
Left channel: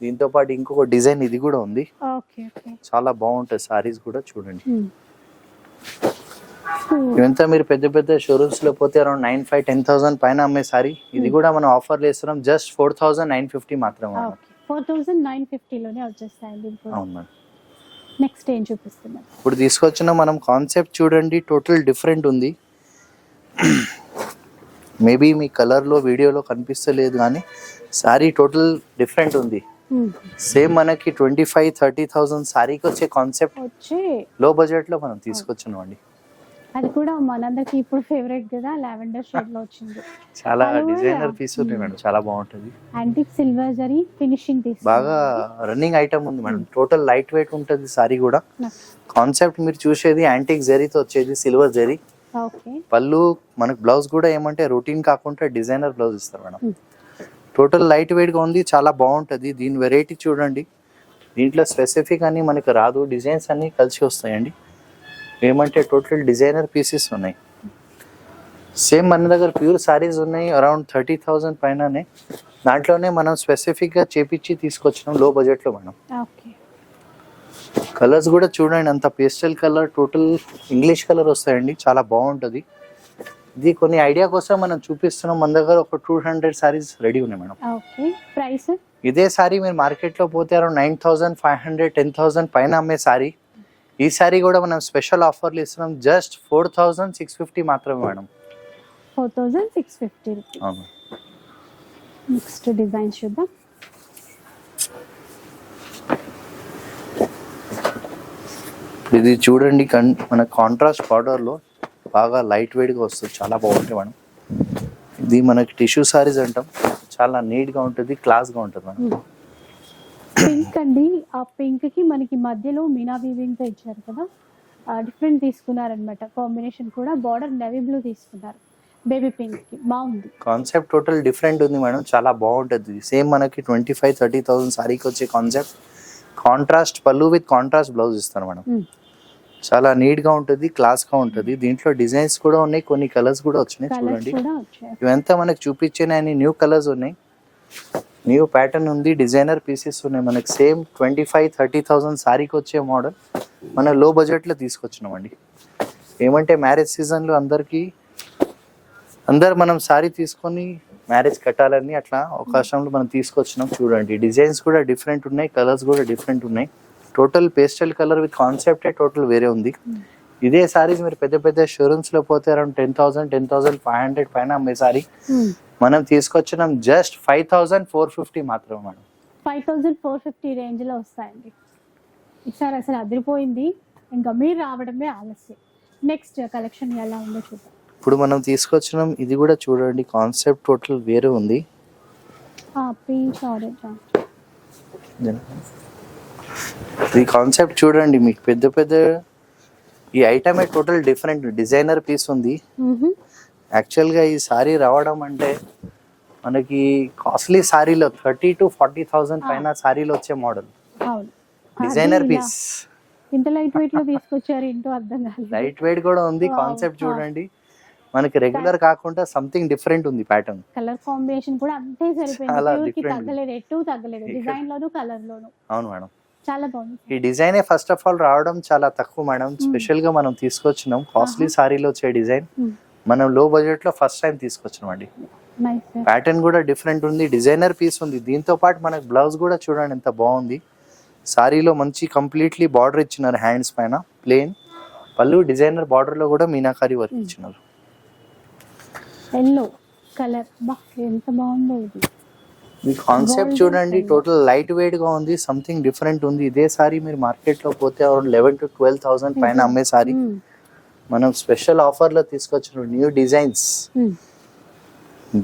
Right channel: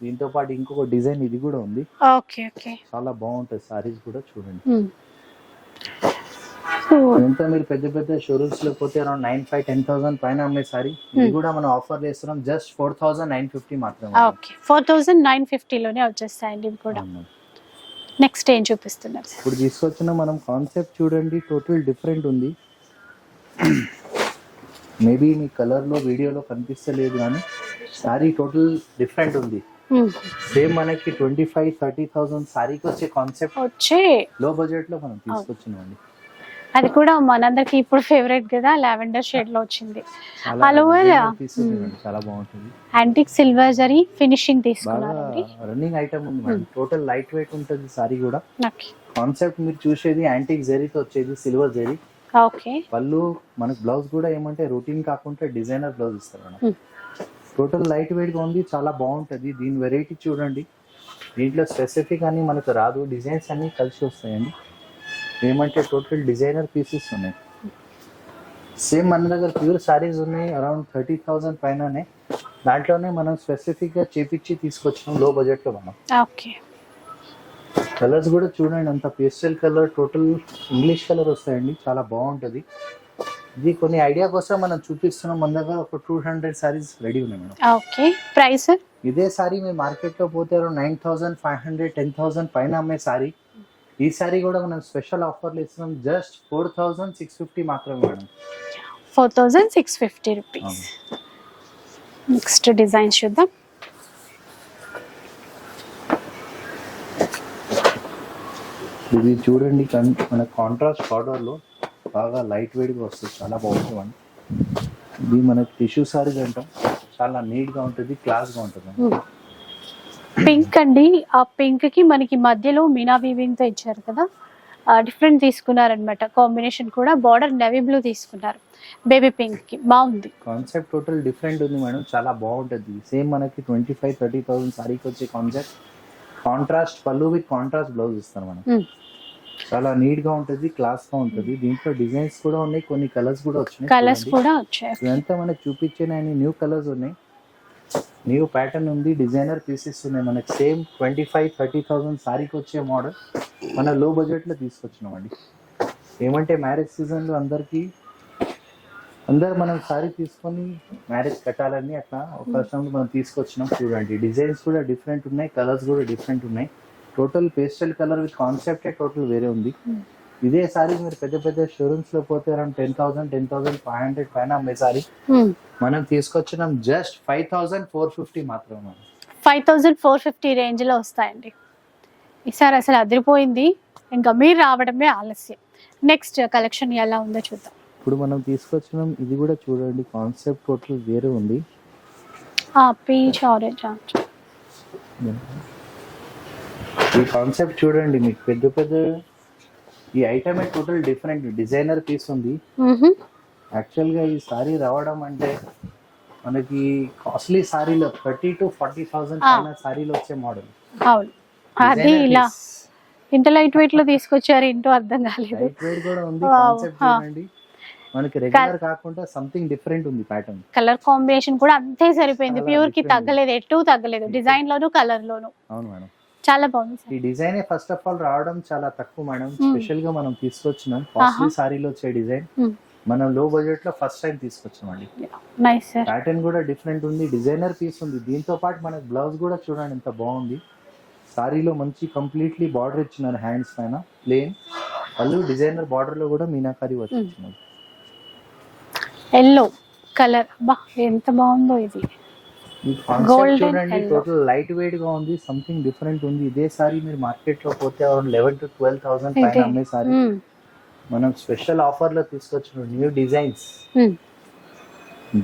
దీంతో పాటు ఇంకొక డిజైన్ ఇది కూడా ఉంది. చాలా బాగుంటాయి సారీస్ కూడా చూడండి. ఇవంతా మీరు పెద్ద పెద్ద షోరూమ్స్ లో పోతే అరౌండ్ 9,500-10,000 పైన అమ్మే సారీ. ఇది కూడా మనం ఆఫర్ చేస్తున్నాం జస్ట్ 4,950 మాత్రమే. 4,950 లోనే వచ్చేస్తాయండి ఇవి కూడా. నెక్స్ట్ ఏం చూపిస్తున్నారు? ఇప్పుడు తీసుకొచ్చిన మనం కాన్సెప్ట్ చూడండి, టోటల్ డిఫరెంట్ ఉంది. మేబీ మీ కలర్ లో వీడియోలో కనిపిస్తలేదు కానీ సారీ టోటల్ డిఫరెంట్ ఉంది. సేమ్ మనకి 25,000-30,000 సారీకి వచ్చే కాన్సెప్ట్ వచ్చే లో బడ్జెట్ లో మనం తీసుకొచ్చినాం అండి. అది కూడా మనందరికి ఇప్పుడు ఫేవరెట్ కదా, లావెండర్ షేడ్ లో వచ్చింది. చాలా పీస్ ఉంది మేడం, చాలా బాగుంటది. యాంటిక్ సిల్వర్ జరీ ఫినిషింగ్ తీసుకున్నారు. బాగా రన్నింగ్ ఐటమ్ ఉంది మేడం. టోటల్ లైట్ వెయిట్ ఉంటది సారీ కూడా. కాన్సెప్ట్ మీరు చూసేది యాంటిక్ జరీతో వచ్చేది, సిల్వర్ జరీ. ఓకే, పళ్ళు మనకు బ్లౌజ్ కూడా ఏమంటే రొటీన్ కాకుండా డిజైనర్ బ్లౌజ్ ఇస్తారు మేడం. టోటల్ లైట్ వెయిట్ గా ఉంది, చాలా బాగుంటది. దీని వెరైటీ చూడండి. దీంట్లో స్పెసిఫిక్ అని మనకు రాదు, డిజైన్స్ అన్ని కలిసి వస్తాయండి. ఏమంటే టోటల్ డిజైనర్ పీసెస్ ఉన్నాయి. సేమ్ మన దగ్గర ప్యూర్ సారీస్ ఉన్నాయి అరౌండ్ 30,000 పైననే. దాంట్లోనే మనం స్పెసిఫిక్ గా చేపించి తీసుకొచ్చినాం లో బడ్జెట్ లో మనం. ఓకే, కలర్స్ కూడా చూడండి, అంత pastel colour, total English colour వస్తాయండి, చాలా బాగుంటది. ఇది కొన్ని ఐడియా కోసం మనం చూపిస్తున్నాం. మన దగ్గర ఒక 200 సారీస్ రెడీ ఉన్నాయి మేడం. ఓకే, ప్రైస్ ఇదే సారీ మీరు మార్కెట్ లో పోతే అరౌండ్ 9,500 10,000 పైన అమ్మే సారీ ఈ సారీ కూడా మనం స్పెషల్ ఆఫర్లు ఇస్తున్నాం, జస్ట్ 4650 మాత్రమే మేడం. 4650 రూపీస్. నెక్స్ట్ డిజైన్ చూద్దాం. ఇది చూడండి, మన కాంట్రాస్ట్ బార్డర్లో బాగా లైట్ వెయిట్గా వస్తుంది, చాలా బాగుంటుంది మేడం. ఇది మనకి టిష్యూ సారీస్ అంటాం, చాలా నీట్గా ఉంటుంది, క్లాస్గా ఉంటుంది మేడం. పింక్ అండి, ఆ పింక్ కి మనకి మధ్యలో మీనా వీవింగ్ తో ఇచ్చారు కదా, డిఫరెంట్ తీసుకున్నారనమాట. కాంబినేషన్ కూడా బార్డర్ నెవీ బ్లూ తీసుకున్నారు, బేబీ పింక్ కి బాగుంది. కాన్సెప్ట్ టోటల్ డిఫరెంట్ ఉంది మేడం, చాలా బాగుంటుంది. సేమ్ మనకి 25,000-30,000 సారీకి వచ్చే కాన్సెప్ట్. కాంట్రాస్ట్ పళ్ళు విత్ కాంట్రాస్ట్ బ్లౌజ్ ఇస్తాను మేడం. చాలా నీట్ గా ఉంటుంది, క్లాస్ గా ఉంటుంది. దీంట్లో డిజైన్స్ కూడా ఉన్నాయి, కొన్ని కలర్స్ కూడా వచ్చినాయి. కలర్స్ కూడా వచ్చాయి. ఇవంతా మనకి చూపించిన న్యూ కలర్స్ ఉన్నాయి, న్యూ ప్యాటర్న్ ఉంది, డిజైనర్ పీసెస్ ఉన్నాయి. మనకి సేమ్ 25,000-30,000 సారీకి వచ్చే మోడల్ మన లో బడ్జెట్లో తీసుకొచ్చినామండి. ఏమంటే మ్యారేజ్ సీజన్లో అందరు మనం సారీ తీసుకొని మ్యారేజ్ కట్టాలని అట్లా అవకాశంలో మనం తీసుకొచ్చినాం. చూడండి, డిజైన్స్ కూడా డిఫరెంట్ ఉన్నాయి, కలర్స్ కూడా డిఫరెంట్ ఉన్నాయి. టోటల్ పేస్టల్ కలర్ విత్ కాన్సెప్టే టోటల్ వేరే ఉంది. ఇదే సారీస్ మీరు పెద్ద పెద్ద షోరూమ్స్ లో పోతే అరౌండ్ 10,000-10,500 పైన అమ్మే సారీ మనం తీసుకొచ్చినాం జస్ట్ 5,450 మాత్రమే మేడం. 5,450 రేంజ్ లో వస్తాయండి. ఈసారి అసలు అదిరిపోయింది, ఇంకా మీరు రావడమే ఆలస్యం. నెక్స్ట్ కలెక్షన్ ఎలా ఉందో చూద్దాం. ఇప్పుడు మనం తీసుకొచ్చినాం, ఇది కూడా చూడండి, కాన్సెప్ట్ టోటల్ వేరే ఉంది. పీచ్ ఆరెంజ్ ఈ కాన్సెప్ట్ చూడండి, మీకు పెద్ద పెద్ద ఈ ఐటమే టోటల్ డిఫరెంట్ డిజైనర్ పీస్ ఉంది. యాక్చువల్గా ఈ సారీ రావడం అంటే మనకి కాస్ట్లీ సారీలో 30,000-40,000 పైన సారీలో వచ్చే మోడల్. డిజైనర్ పీస్ ఇంత లైట్ వెయిట్ లో తీసుకొచ్చారు, ఇంటో అర్థం కాలేదు. లైట్ వెయిట్ కూడా ఉంది, కాన్సెప్ట్ చూడండి, మనకి రెగ్యులర్ కాకుండా సంథింగ్ డిఫరెంట్ ఉంది ప్యాటర్న్. కలర్ కాంబినేషన్ కూడా అంతే సరిపోయింది, ప్యూర్ కి తగ్గలేదు, ఎటు తగ్గలేదు, డిజైన్ లోను కలర్ లోను. అవును మేడం, చాలా బాగుంది. ఈ డిజైన్ ఫస్ట్ ఆఫ్ ఆల్ రావడం చాలా తక్కువ మేడం. స్పెషల్ గా మనం తీసుకొచ్చినాం, కాస్ట్లీ సారీలో వచ్చే డిజైన్ మనం లో బడ్జెట్ లో ఫస్ట్ టైం తీసుకొచ్చినాం అండి. ప్యాటర్న్ కూడా డిఫరెంట్ ఉంది, డిజైనర్ పీస్ ఉంది. దీంతో పాటు మనకి బ్లౌజ్ కూడా చూడండి ఎంత బాగుంది. సారీలో మంచి కంప్లీట్లీ బార్డర్ ఇచ్చినారు, హ్యాండ్స్ పైన ప్లేన్ పళ్ళు, డిజైనర్ బార్డర్ లో కూడా మీనాకారి వర్క్ ఇచ్చినారు. ఎల్లో కలర్, బా ఎంత బాగుందో ఇది. ఈ కాన్సెప్ట్ చూడండి, టోటల్ లైట్ వెయిట్ గా ఉంది, సంథింగ్ డిఫరెంట్ ఉంది. ఇదే సారీ మీరు మార్కెట్ లో పోతే అరౌండ్ 11,000-12,000 పైన అమ్మే సారీ మనం స్పెషల్ ఆఫర్ లో తీసుకొచ్చిన new designs,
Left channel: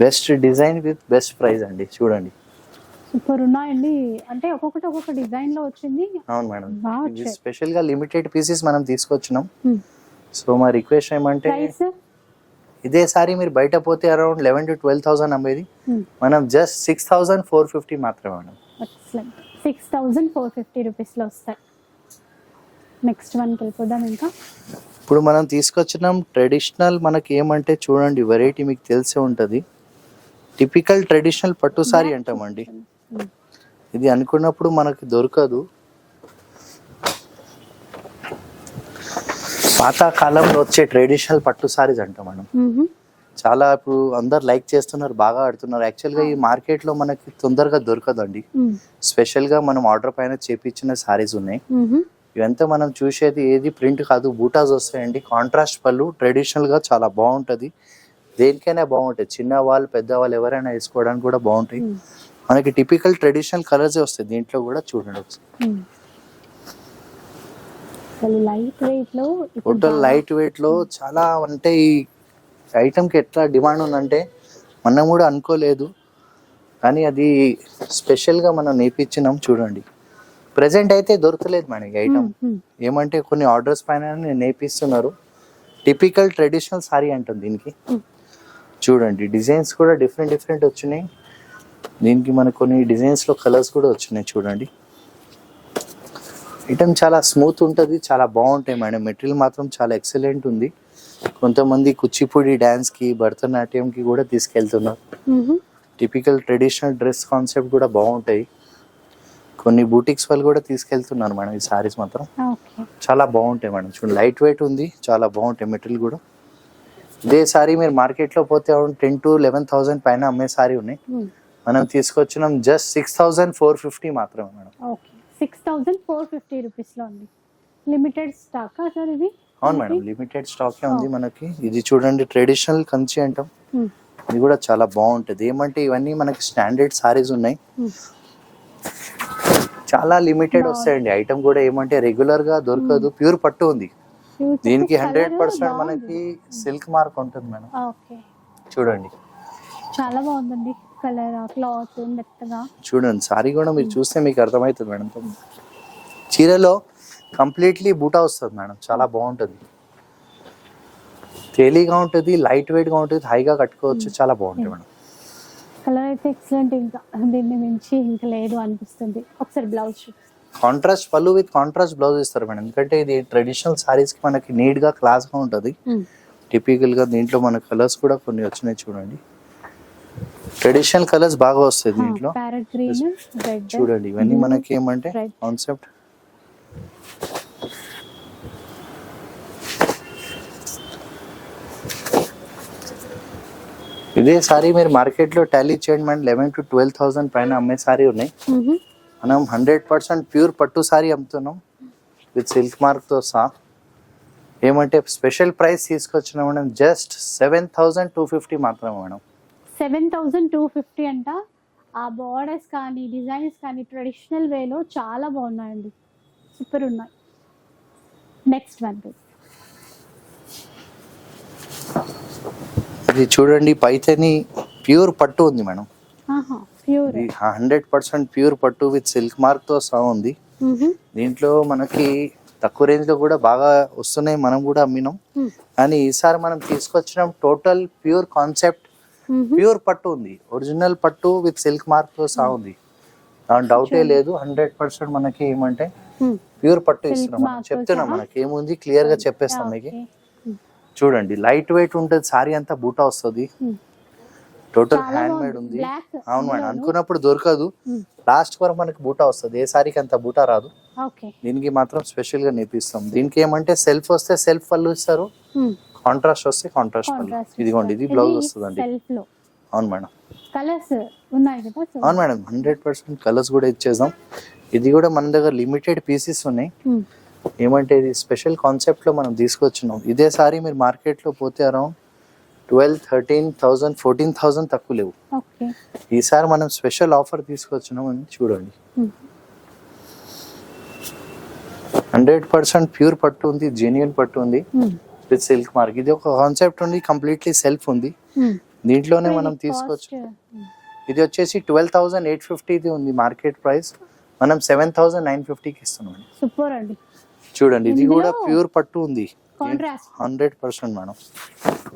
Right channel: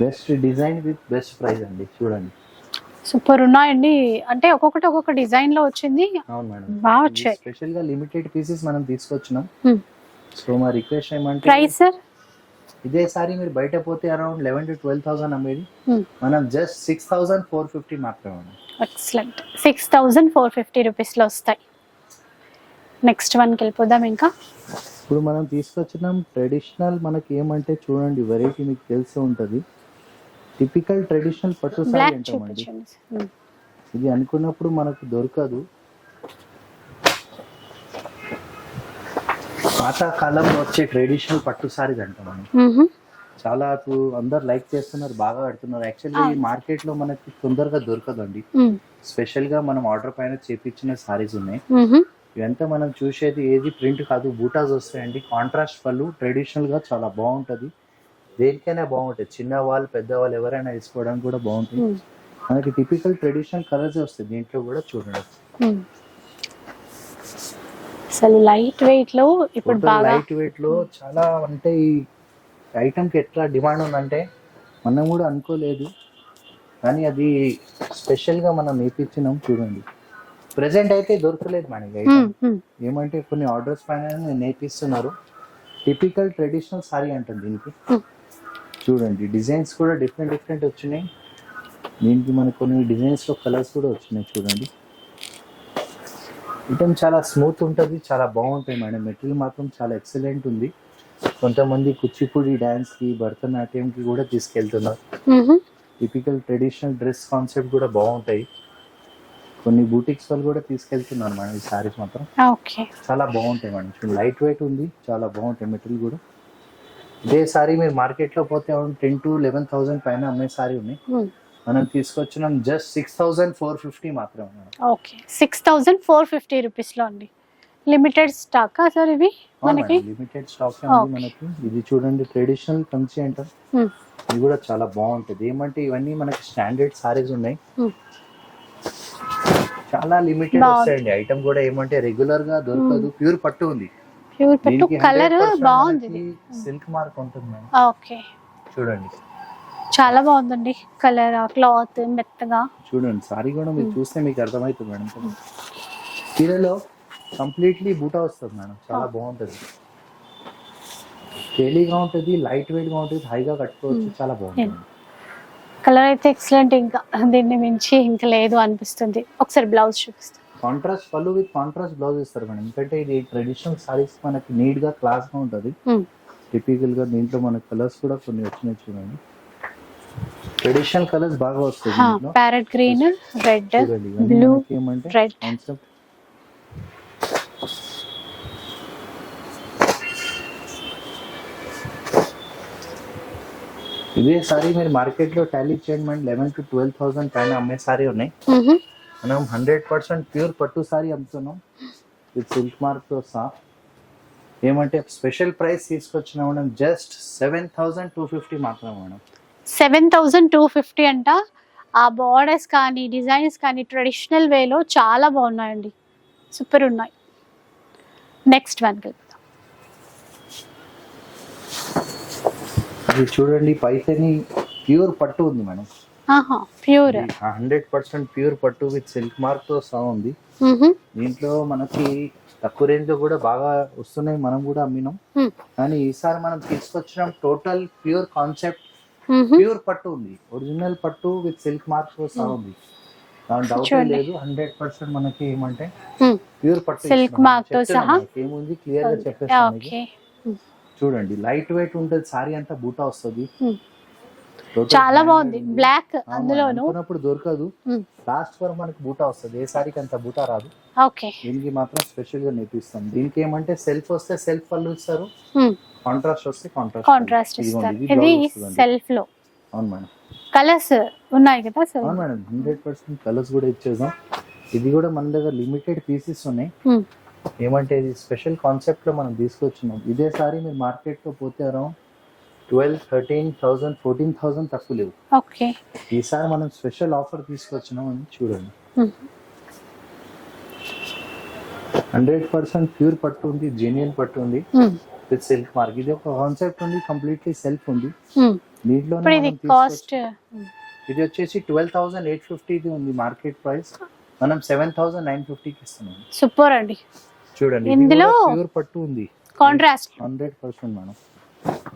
best design with best price అండి. చూడండి, సూపర్ ఉన్నాయండి. అంటే ఒక్కొక్క డిజైన్ లో వచ్చింది. అవును మేడం, బాగా వచ్చాయి. స్పెషల్ గా లిమిటెడ్ పీసెస్ మనం తీసుకొచ్చినాం. సో మా రిక్వెస్ట్ ఏమంటే, ప్రైస్ సార్ ఇదే సారీ మీరు బయట పోతే అరౌండ్ 11,000-12,000 అమ్మేది, మనం జస్ట్ 6,450 మాత్రమే మేడం. ఎక్సలెంట్, 6,450 రూపీస్ లో వస్తాయి. నెక్స్ట్ వన్ కి వెళ్ళిపోదాం. ఇంకా ఇప్పుడు మనం తీసుకొచ్చినాం ట్రెడిషనల్, మనకి ఏమంటే చూడండి వెరైటీ మీకు తెలిసే ఉంటుంది, టిపికల్ ట్రెడిషనల్ పట్టు సారీ అంటామండి. ఇది అనుకున్నప్పుడు మనకు దొరకదు. పాత కాలంలో వచ్చే ట్రెడిషనల్ పట్టు సారీస్ అంటాం మనం. చాలా ఇప్పుడు అందరు లైక్ చేస్తున్నారు, బాగా ఆడుతున్నారు. యాక్చువల్గా ఈ మార్కెట్ లో మనకి తొందరగా దొరకదండి. స్పెషల్ గా మనం ఆర్డర్ పైన చేపించిన సారీస్ ఉన్నాయి. ఇవంతా మనం చూసేది ఏది ప్రింట్ కాదు, బూటాస్ వస్తాయండి. కాంట్రాస్ట్ పళ్ళు, ట్రెడిషనల్ గా చాలా బాగుంటది. దేనికైనా బాగుంటాయి, చిన్న వాళ్ళు పెద్ద వాళ్ళు ఎవరైనా వేసుకోవడానికి కూడా బాగుంటాయి. మనకి టిపికల్ ట్రెడిషనల్ కలర్స్ వస్తాయి దీంట్లో కూడా. చూడండి, అసలు లైట్ వెయిట్ లో, ఇప్పుడు లైట్ వెయిట్ లో చాలా, అంటే ఈ ఐటమ్ కి ఎట్లా డిమాండ్ ఉందంటే మనం కూడా అనుకోలేదు, కానీ అది స్పెషల్ గా మనం నేర్పించినాం. చూడండి, ప్రెసెంట్ అయితే దొరకలేదు మనకి ఐటమ్. ఏమంటే కొన్ని ఆర్డర్స్ పైన నేర్పిస్తున్నారు. టిపికల్ ట్రెడిషనల్ సారీ అంటుంది దీనికి. చూడండి, డిజైన్స్ కూడా డిఫరెంట్ వచ్చినాయి దీనికి. మనకు కొన్ని డిజైన్స్ లో కలర్స్ కూడా వచ్చినాయి. చూడండి, ఐటమ్ చాలా స్మూత్ ఉంటుంది, చాలా బాగుంటాయి మేడం. మెటీరియల్ మాత్రం చాలా ఎక్సలెంట్ ఉంది. కొంతమంది కూచిపూడి డాన్స్ కి, భరతనాట్యం కి కూడా తీసుకెళ్తున్నారు. టిపికల్ ట్రెడిషనల్ డ్రెస్ కాన్సెప్ట్ కూడా బాగుంటాయి. కొన్ని బూటిక్స్ వాళ్ళు కూడా తీసుకెళ్తున్నారు మేడం. ఈ సారీస్ మాత్రం చాలా బాగుంటాయి మేడం. చూడండి, లైట్ వెయిట్ ఉంది, చాలా బాగుంటాయి మెటీరియల్ కూడా. ఇదే సారీ మీరు మార్కెట్ లో పోతే 10,000-11,000 పైన అమ్మే సారీ ఉన్నాయి. మనం తీసుకొచ్చినాం జస్ట్ 6,450 మాత్రమే మేడం. 6,450 రూపీస్ లో అండి. లిమిటెడ్ స్టాక్ సార్ ఇవి అవును మనకి? మేడం, లిమిటెడ్ స్టాక్ ఉంది మనకి. ఇది చూడండి ట్రెడిషనల్ కంచి అంటాం. Hmm. ఇది కూడా చాలా బాగుంటది. ఏమంటే ఇవన్నీ మనకి స్టాండర్డ్ సారీస్ ఉన్నాయి. Hmm. చాలా లిమిటెడ్ బాగుంది. వస్తాయండి. ఐటమ్ కూడా ఏమంటే రెగ్యులర్ గా దొరకదు. ప్యూర్ పట్టు ఉంది ప్యూర్ పట్టు, దీనికి. కలర్ 100% బాగుంది. మనకి సిల్క్ మార్క్ ఉంటుంది మేడం. ఓకే, చూడండి చాలా బాగుందండి కలర్, క్లాత్ మెత్తగా. చూడండి సారీ కూడా మీరు చూస్తే మీకు అర్థమవుతుంది మేడం. చీరలో కంప్లీట్లీ బూటా వస్తుంది మేడం. చాలా బాగుంటుంది, తేలిగా ఉంటుంది, లైట్ వెయిట్ గా ఉంటుంది, హైగా కట్టుకోవచ్చు. చాలా బాగుంటుంది మేడం. కలర్ అయితే ఎక్సలెంట్, ఇంకా దీన్ని మించి ఇంకా లేదు అనిపిస్తుంది. ఒకసారి బ్లౌజ్ చూపిస్తాను. కాంట్రాస్ట్ పళ్ళు విత్ కాంట్రాస్ట్ బ్లౌజ్ ఇస్తారు మేడం. ఎందుకంటే ఇది ట్రెడిషనల్ సారీస్ కి మనకి నీట్ గా క్లాస్ గా ఉంటుంది. టిపికల్ గా దీంట్లో మన కలర్స్ కూడా కొన్ని వచ్చినాయి చూడండి. ట్రెడిషనల్ కలర్స్ బాగా వస్తాయి దీంట్లో. ప్యారెట్ గ్రీన్, రెడ్, చూడండి ఇవన్నీ మనకి ఏమంటే రెడ్. కాన్సెప్ట్. ఇదే సారీ మీరు మార్కెట్ లో టాలీ చేయండి మేడం. 11,000 to 12,000 పైన అమ్మే సారీ ఉన్నాయి. మనం 100% ప్యూర్ పట్టు సారీ అమ్ముతున్నాం విత్ సిల్క్ మార్క్ తో సహా. ఏమంటే స్పెషల్ ప్రైస్ తీసుకొచ్చినాం మేడం. జస్ట్ 7,250 మాత్రమే మేడం. 7,250 అంట. ఆ బార్డర్స్ కానీ డిజైన్స్ కానీ ట్రెడిషనల్ వేలో చాలా బాగున్నాయండి, సూపర్ ఉన్నాయి. నెక్స్ట్ వన్ ఇది చూడండి పైతని ప్యూర్ పట్టు ఉంది మేడం. ప్యూర్ 100% ప్యూర్ పట్టు విత్ సిల్క్ మార్క్ తో సహా ఉంది. దీంట్లో మనకి తక్కువ రేంజ్ లో కూడా బాగా వస్తున్నాయి, మనం కూడా అమ్మినాం. కానీ ఈసారి మనం తీసుకొచ్చిన టోటల్ ప్యూర్ కాన్సెప్ట్, ప్యూర్ పట్టు ఉంది. ఒరిజినల్ పట్టు విత్ సిల్క్ మార్క్ తో సహా ఉంది, దాని డౌటే లేదు. 100% మనకి ఏమంటే ప్యూర్ పట్టు చెప్తున్నాం. మనకి ఏముంది క్లియర్ గా చెప్పేస్తాం మీకు. చూడండి లైట్ వెయిట్ ఉంటుంది, సారీ అంతా బూటా వస్తుంది. చాలా బాగుంది, బ్లాక్. అనుకున్నప్పుడు దొరకదు, లాస్ట్ వరకు మనకి బూటా వస్తుంది. ఏ సారీకి అంత బూటా రాదు. దీనికి మాత్రం స్పెషల్ గా నేర్పిస్తాం. దీనికి ఏమంటే సెల్ఫ్ వస్తే సెల్ఫ్ పళ్ళు ఇస్తారు, కాంట్రాస్ట్ వస్తే కాంట్రాస్ట్. ఇదిగోండి ఇది బ్లౌజ్ వస్తుంది సెల్ఫ్ లో. అవును మేడం. కలర్స్ ఉన్నాయి కదా? అవును మేడం, 100% కలర్స్ కూడా ఇచ్చేసాం. ఇది కూడా మన దగ్గర లిమిటెడ్ పీసెస్ ఉన్నాయి. ఏమంటే ఇది స్పెషల్ కాన్సెప్ట్ లో మనం తీసుకొచ్చినాం. ఇదే సారీ మీరు మార్కెట్ లో పోతే అరౌండ్ 12,000, 13,000, 14,000 తక్కువ లేవు. ఈసారి మనం స్పెషల్ ఆఫర్ తీసుకొచ్చినాం అని చూడండి. 100% ప్యూర్ పట్టు ఉంది, జెన్యున్ పట్టు ఉంది విత్ సిల్క్ మార్క్. ఇది ఒక కాన్సెప్ట్ ఉంది, కంప్లీట్లీ సెల్ఫ్ ఉంది. దీంట్లోనే మనం తీసుకొచ్చి ఇది వచ్చేసి 12,850 ఉంది మార్కెట్ ప్రైస్. మనం 7,950కి ఇస్తున్నాం. సూపర్ అండి. చూడండి ఇది కూడా ప్యూర్ పట్టు ఉంది, కాంట్రాస్ట్ 100% మేడం.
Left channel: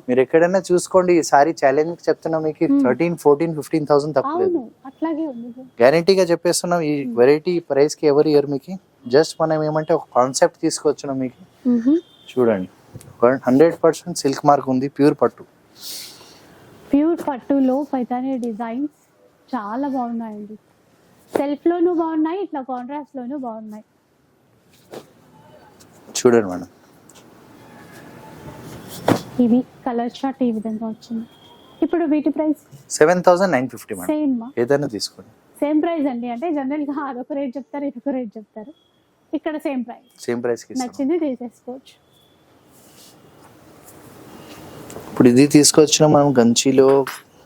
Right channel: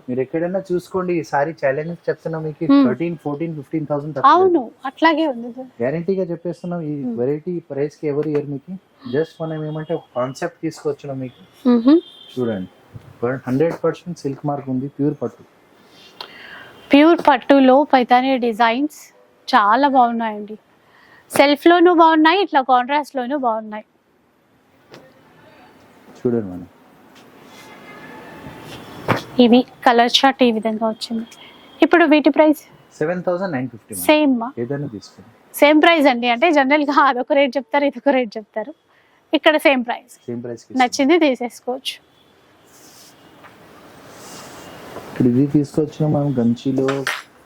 మీరు ఎక్కడైనా చూసుకోండి. ఈ సారీ ఛాలెంజ్ చెప్తున్నా మీకు 13,000, 14,000, 15,000 తక్కువ. అట్లాగే ఉంది, గ్యారంటీగా చెప్పేస్తున్నాం. ఈ వెరైటీ ప్రైస్ కి ఎవరు ఇయర్ మీకు. జస్ట్ మనం ఏమంటే ఒక కాన్సెప్ట్ తీసుకొచ్చినాం మీకు. చూడండి 100% సిల్క్ మార్క్ ఉంది, ప్యూర్ పట్టు. ప్యూర్ పట్టులో పైతాని డిజైన్స్ చాలా బాగున్నాయండి. సెల్ఫ్ లోను బాగున్నాయి, ఇట్లా కాంట్రాస్ట్ లోను బాగున్నాయి. చూడండి మేడం, ఇవి కలర్ చార్ట్ ఈ విధంగా వచ్చింది. ఇప్పుడు వీటి ప్రైస్ 7,950 సేమ్, ఏదైనా తీసుకోండి. సేమ్ ప్రైస్ అండి. అంటే జనరల్ గా అదొక రేట్ చెప్తారు, ఇదొక రేట్ చెప్తారు. ఇక్కడ సేమ్ ప్రైస్, నచ్చింది తీసేసుకోవచ్చు. ఇప్పుడు ఇది తీసుకొచ్చిన మనం గంచిలో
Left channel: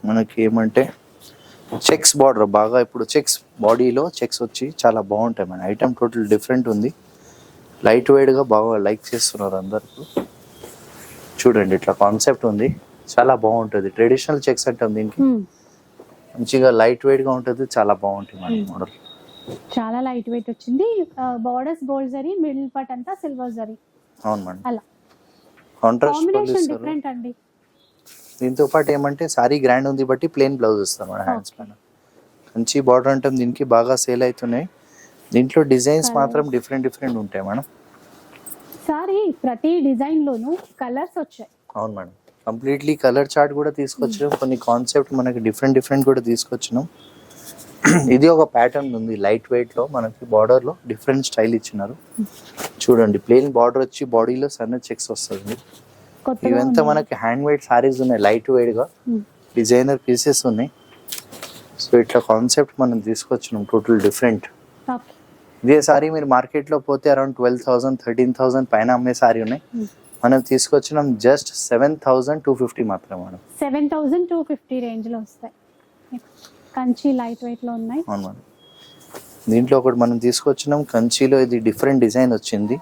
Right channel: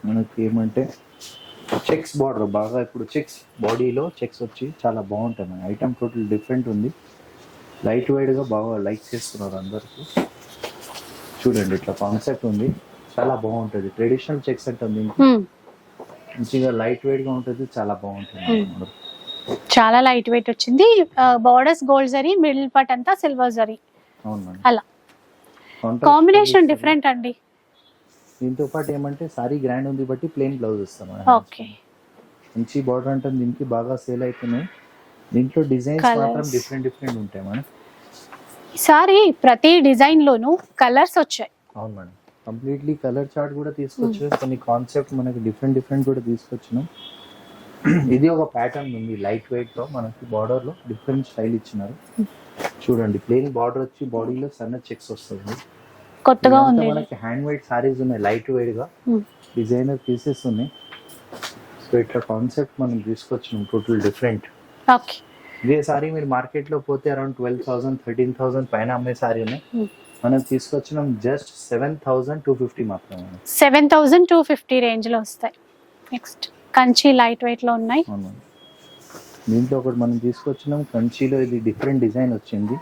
మనకి ఏమంటే చెక్స్ బార్డర్ బాగా, ఇప్పుడు చెక్స్ బాడీలో చెక్స్ వచ్చి చాలా బాగుంటాయి మన ఐటమ్. టోటల్ డిఫరెంట్ ఉంది, లైట్ వెయిట్ గా బాగా లైక్ చేస్తున్నారు అందరికి. చూడండి ఇట్లా కాన్సెప్ట్ ఉంది, చాలా బాగుంటుంది. ట్రెడిషనల్ చెక్స్ అంటాం దీనికి. మంచిగా లైట్ వెయిట్ గా ఉంటుంది, చాలా బాగుంటుంది మోడల్. చాలా లైట్ వెయిట్ వచ్చింది. Borders gold zari, middle part అంతా సిల్వర్ జరీ. అవును మేడం, అలా కాంబినేషన్ డిఫరెంట్ అండి. దీంతో పాటు ఏమంటే సారీ గ్రాండ్ ఉంది బట్టి ప్లెయిన్ బ్లౌజ్ ఇస్తాం మేడం. మంచి బార్డర్ అంటాం దీనికి, బాగా సేల్ అవుతున్నాయి. దీంట్లో డిజైన్స్ మాత్రం డిఫరెంట్ ఉంటాయి మేడం. ఈసారి ప్రతి డిజైన్ లోను కలర్స్ వచ్చాయి. అవును మేడం, కంప్లీట్లీ కలర్ చార్ట్ కూడా తీసుకొచ్చినాం. కొన్ని కాన్సెప్ట్ మనకి డిఫరెంట్ కూడా తీసుకొచ్చినాం. ఇది ఒక ప్యాటర్న్ ఉంది లైట్ వెయిట్ లో, మనకి బార్డర్ లో డిఫరెంట్ స్టైల్ ఇచ్చినారు. చూడండి ప్లెయిన్ బార్డర్ వచ్చి బాడీలో సన్న చెక్స్ వస్తుంది. కొత్తగా ఉంది. మనకి హ్యాండ్ మేడ్ సారీస్ ఉన్నాయి, లైట్ వెయిట్ గా డిజైనర్ పీసెస్ ఉన్నాయి. సో ఇట్లా కాన్సెప్ట్ మనం తీసుకొచ్చినాం, టోటల్ డిఫరెంట్. ఓకే, ఇదే సారీ మీరు మార్కెట్లో పోతే అరౌండ్ 12,000 13,000 పైన అమ్మే సారీ ఉన్నాయి. మనం తీసుకొచ్చినాం జస్ట్ 7,250 మాత్రమే మేడం. 7,250 రేంజ్ లో వస్తాయి. నెక్స్ట్ కంచి లైట్ వెయిట్ లో ఉన్నాయి. అవును మేడం. దీంట్లో ఒకటి మనం తీసుకొచ్చినాం కంచిలో, ఇది డిఫరెంట్ డిజైన్ వచ్చింది.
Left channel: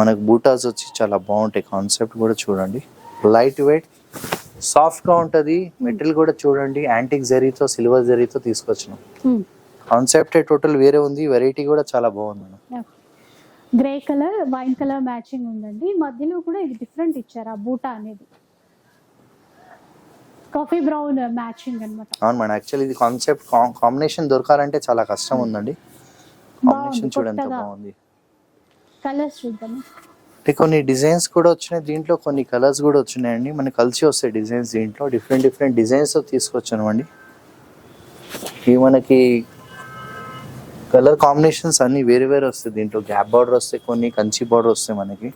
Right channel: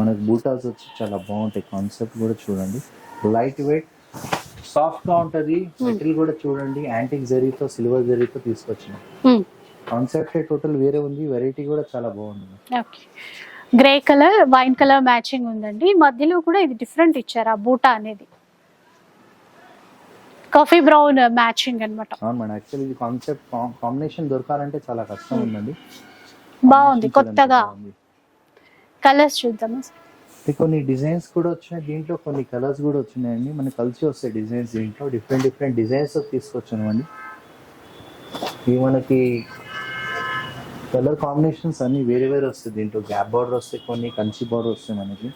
మనకు బూటాస్ వచ్చి చాలా బాగుంటాయి. కాన్సెప్ట్ కూడా చూడండి, లైట్ వెయిట్ సాఫ్ట్గా ఉంటుంది. మెటీరియల్ కూడా చూడండి, యాంటిక్ జరీతో సిల్వర్ జరీతో తీసుకొచ్చినాం. కాన్సెప్ట్ టోటల్ వేరే ఉంది, వెరైటీ కూడా చాలా బాగుంది. Okay, grey colour wine colour matching ఉందండి. మధ్యలో కూడా ఇది డిఫరెంట్ ఇచ్చారు, ఆ బూటా అనేది కాఫీ బ్రౌన్ మ్యాచింగ్ అన్నమాట. అవును మేడం, యాక్చువల్లీ ఇది కాన్సెప్ట్ కాంబినేషన్ దొరకాలంటే చాలా కష్టం ఉందండి. బాగుంది, కొత్తగా కలర్స్ చూద్దాం. అంటే కొన్ని డిజైన్స్ కూడా వచ్చినాయి దీంట్లో, కొన్ని కలర్స్ కూడా వచ్చినాయండి. మనకి కలిసి వస్తాయి డిజైన్స్ దీంట్లో. డిఫరెంట్ డిఫరెంట్ డిజైన్స్ తీసుకొచ్చాను అండి. ఇవి మనకి కలర్ కాంబినేషన్స్ అన్ని వేరే వేరే వస్తాయి దీంట్లో. గ్యాప్ బార్డర్ వస్తాయి, కొన్ని కంచి బార్డర్ వస్తాయి మనకి.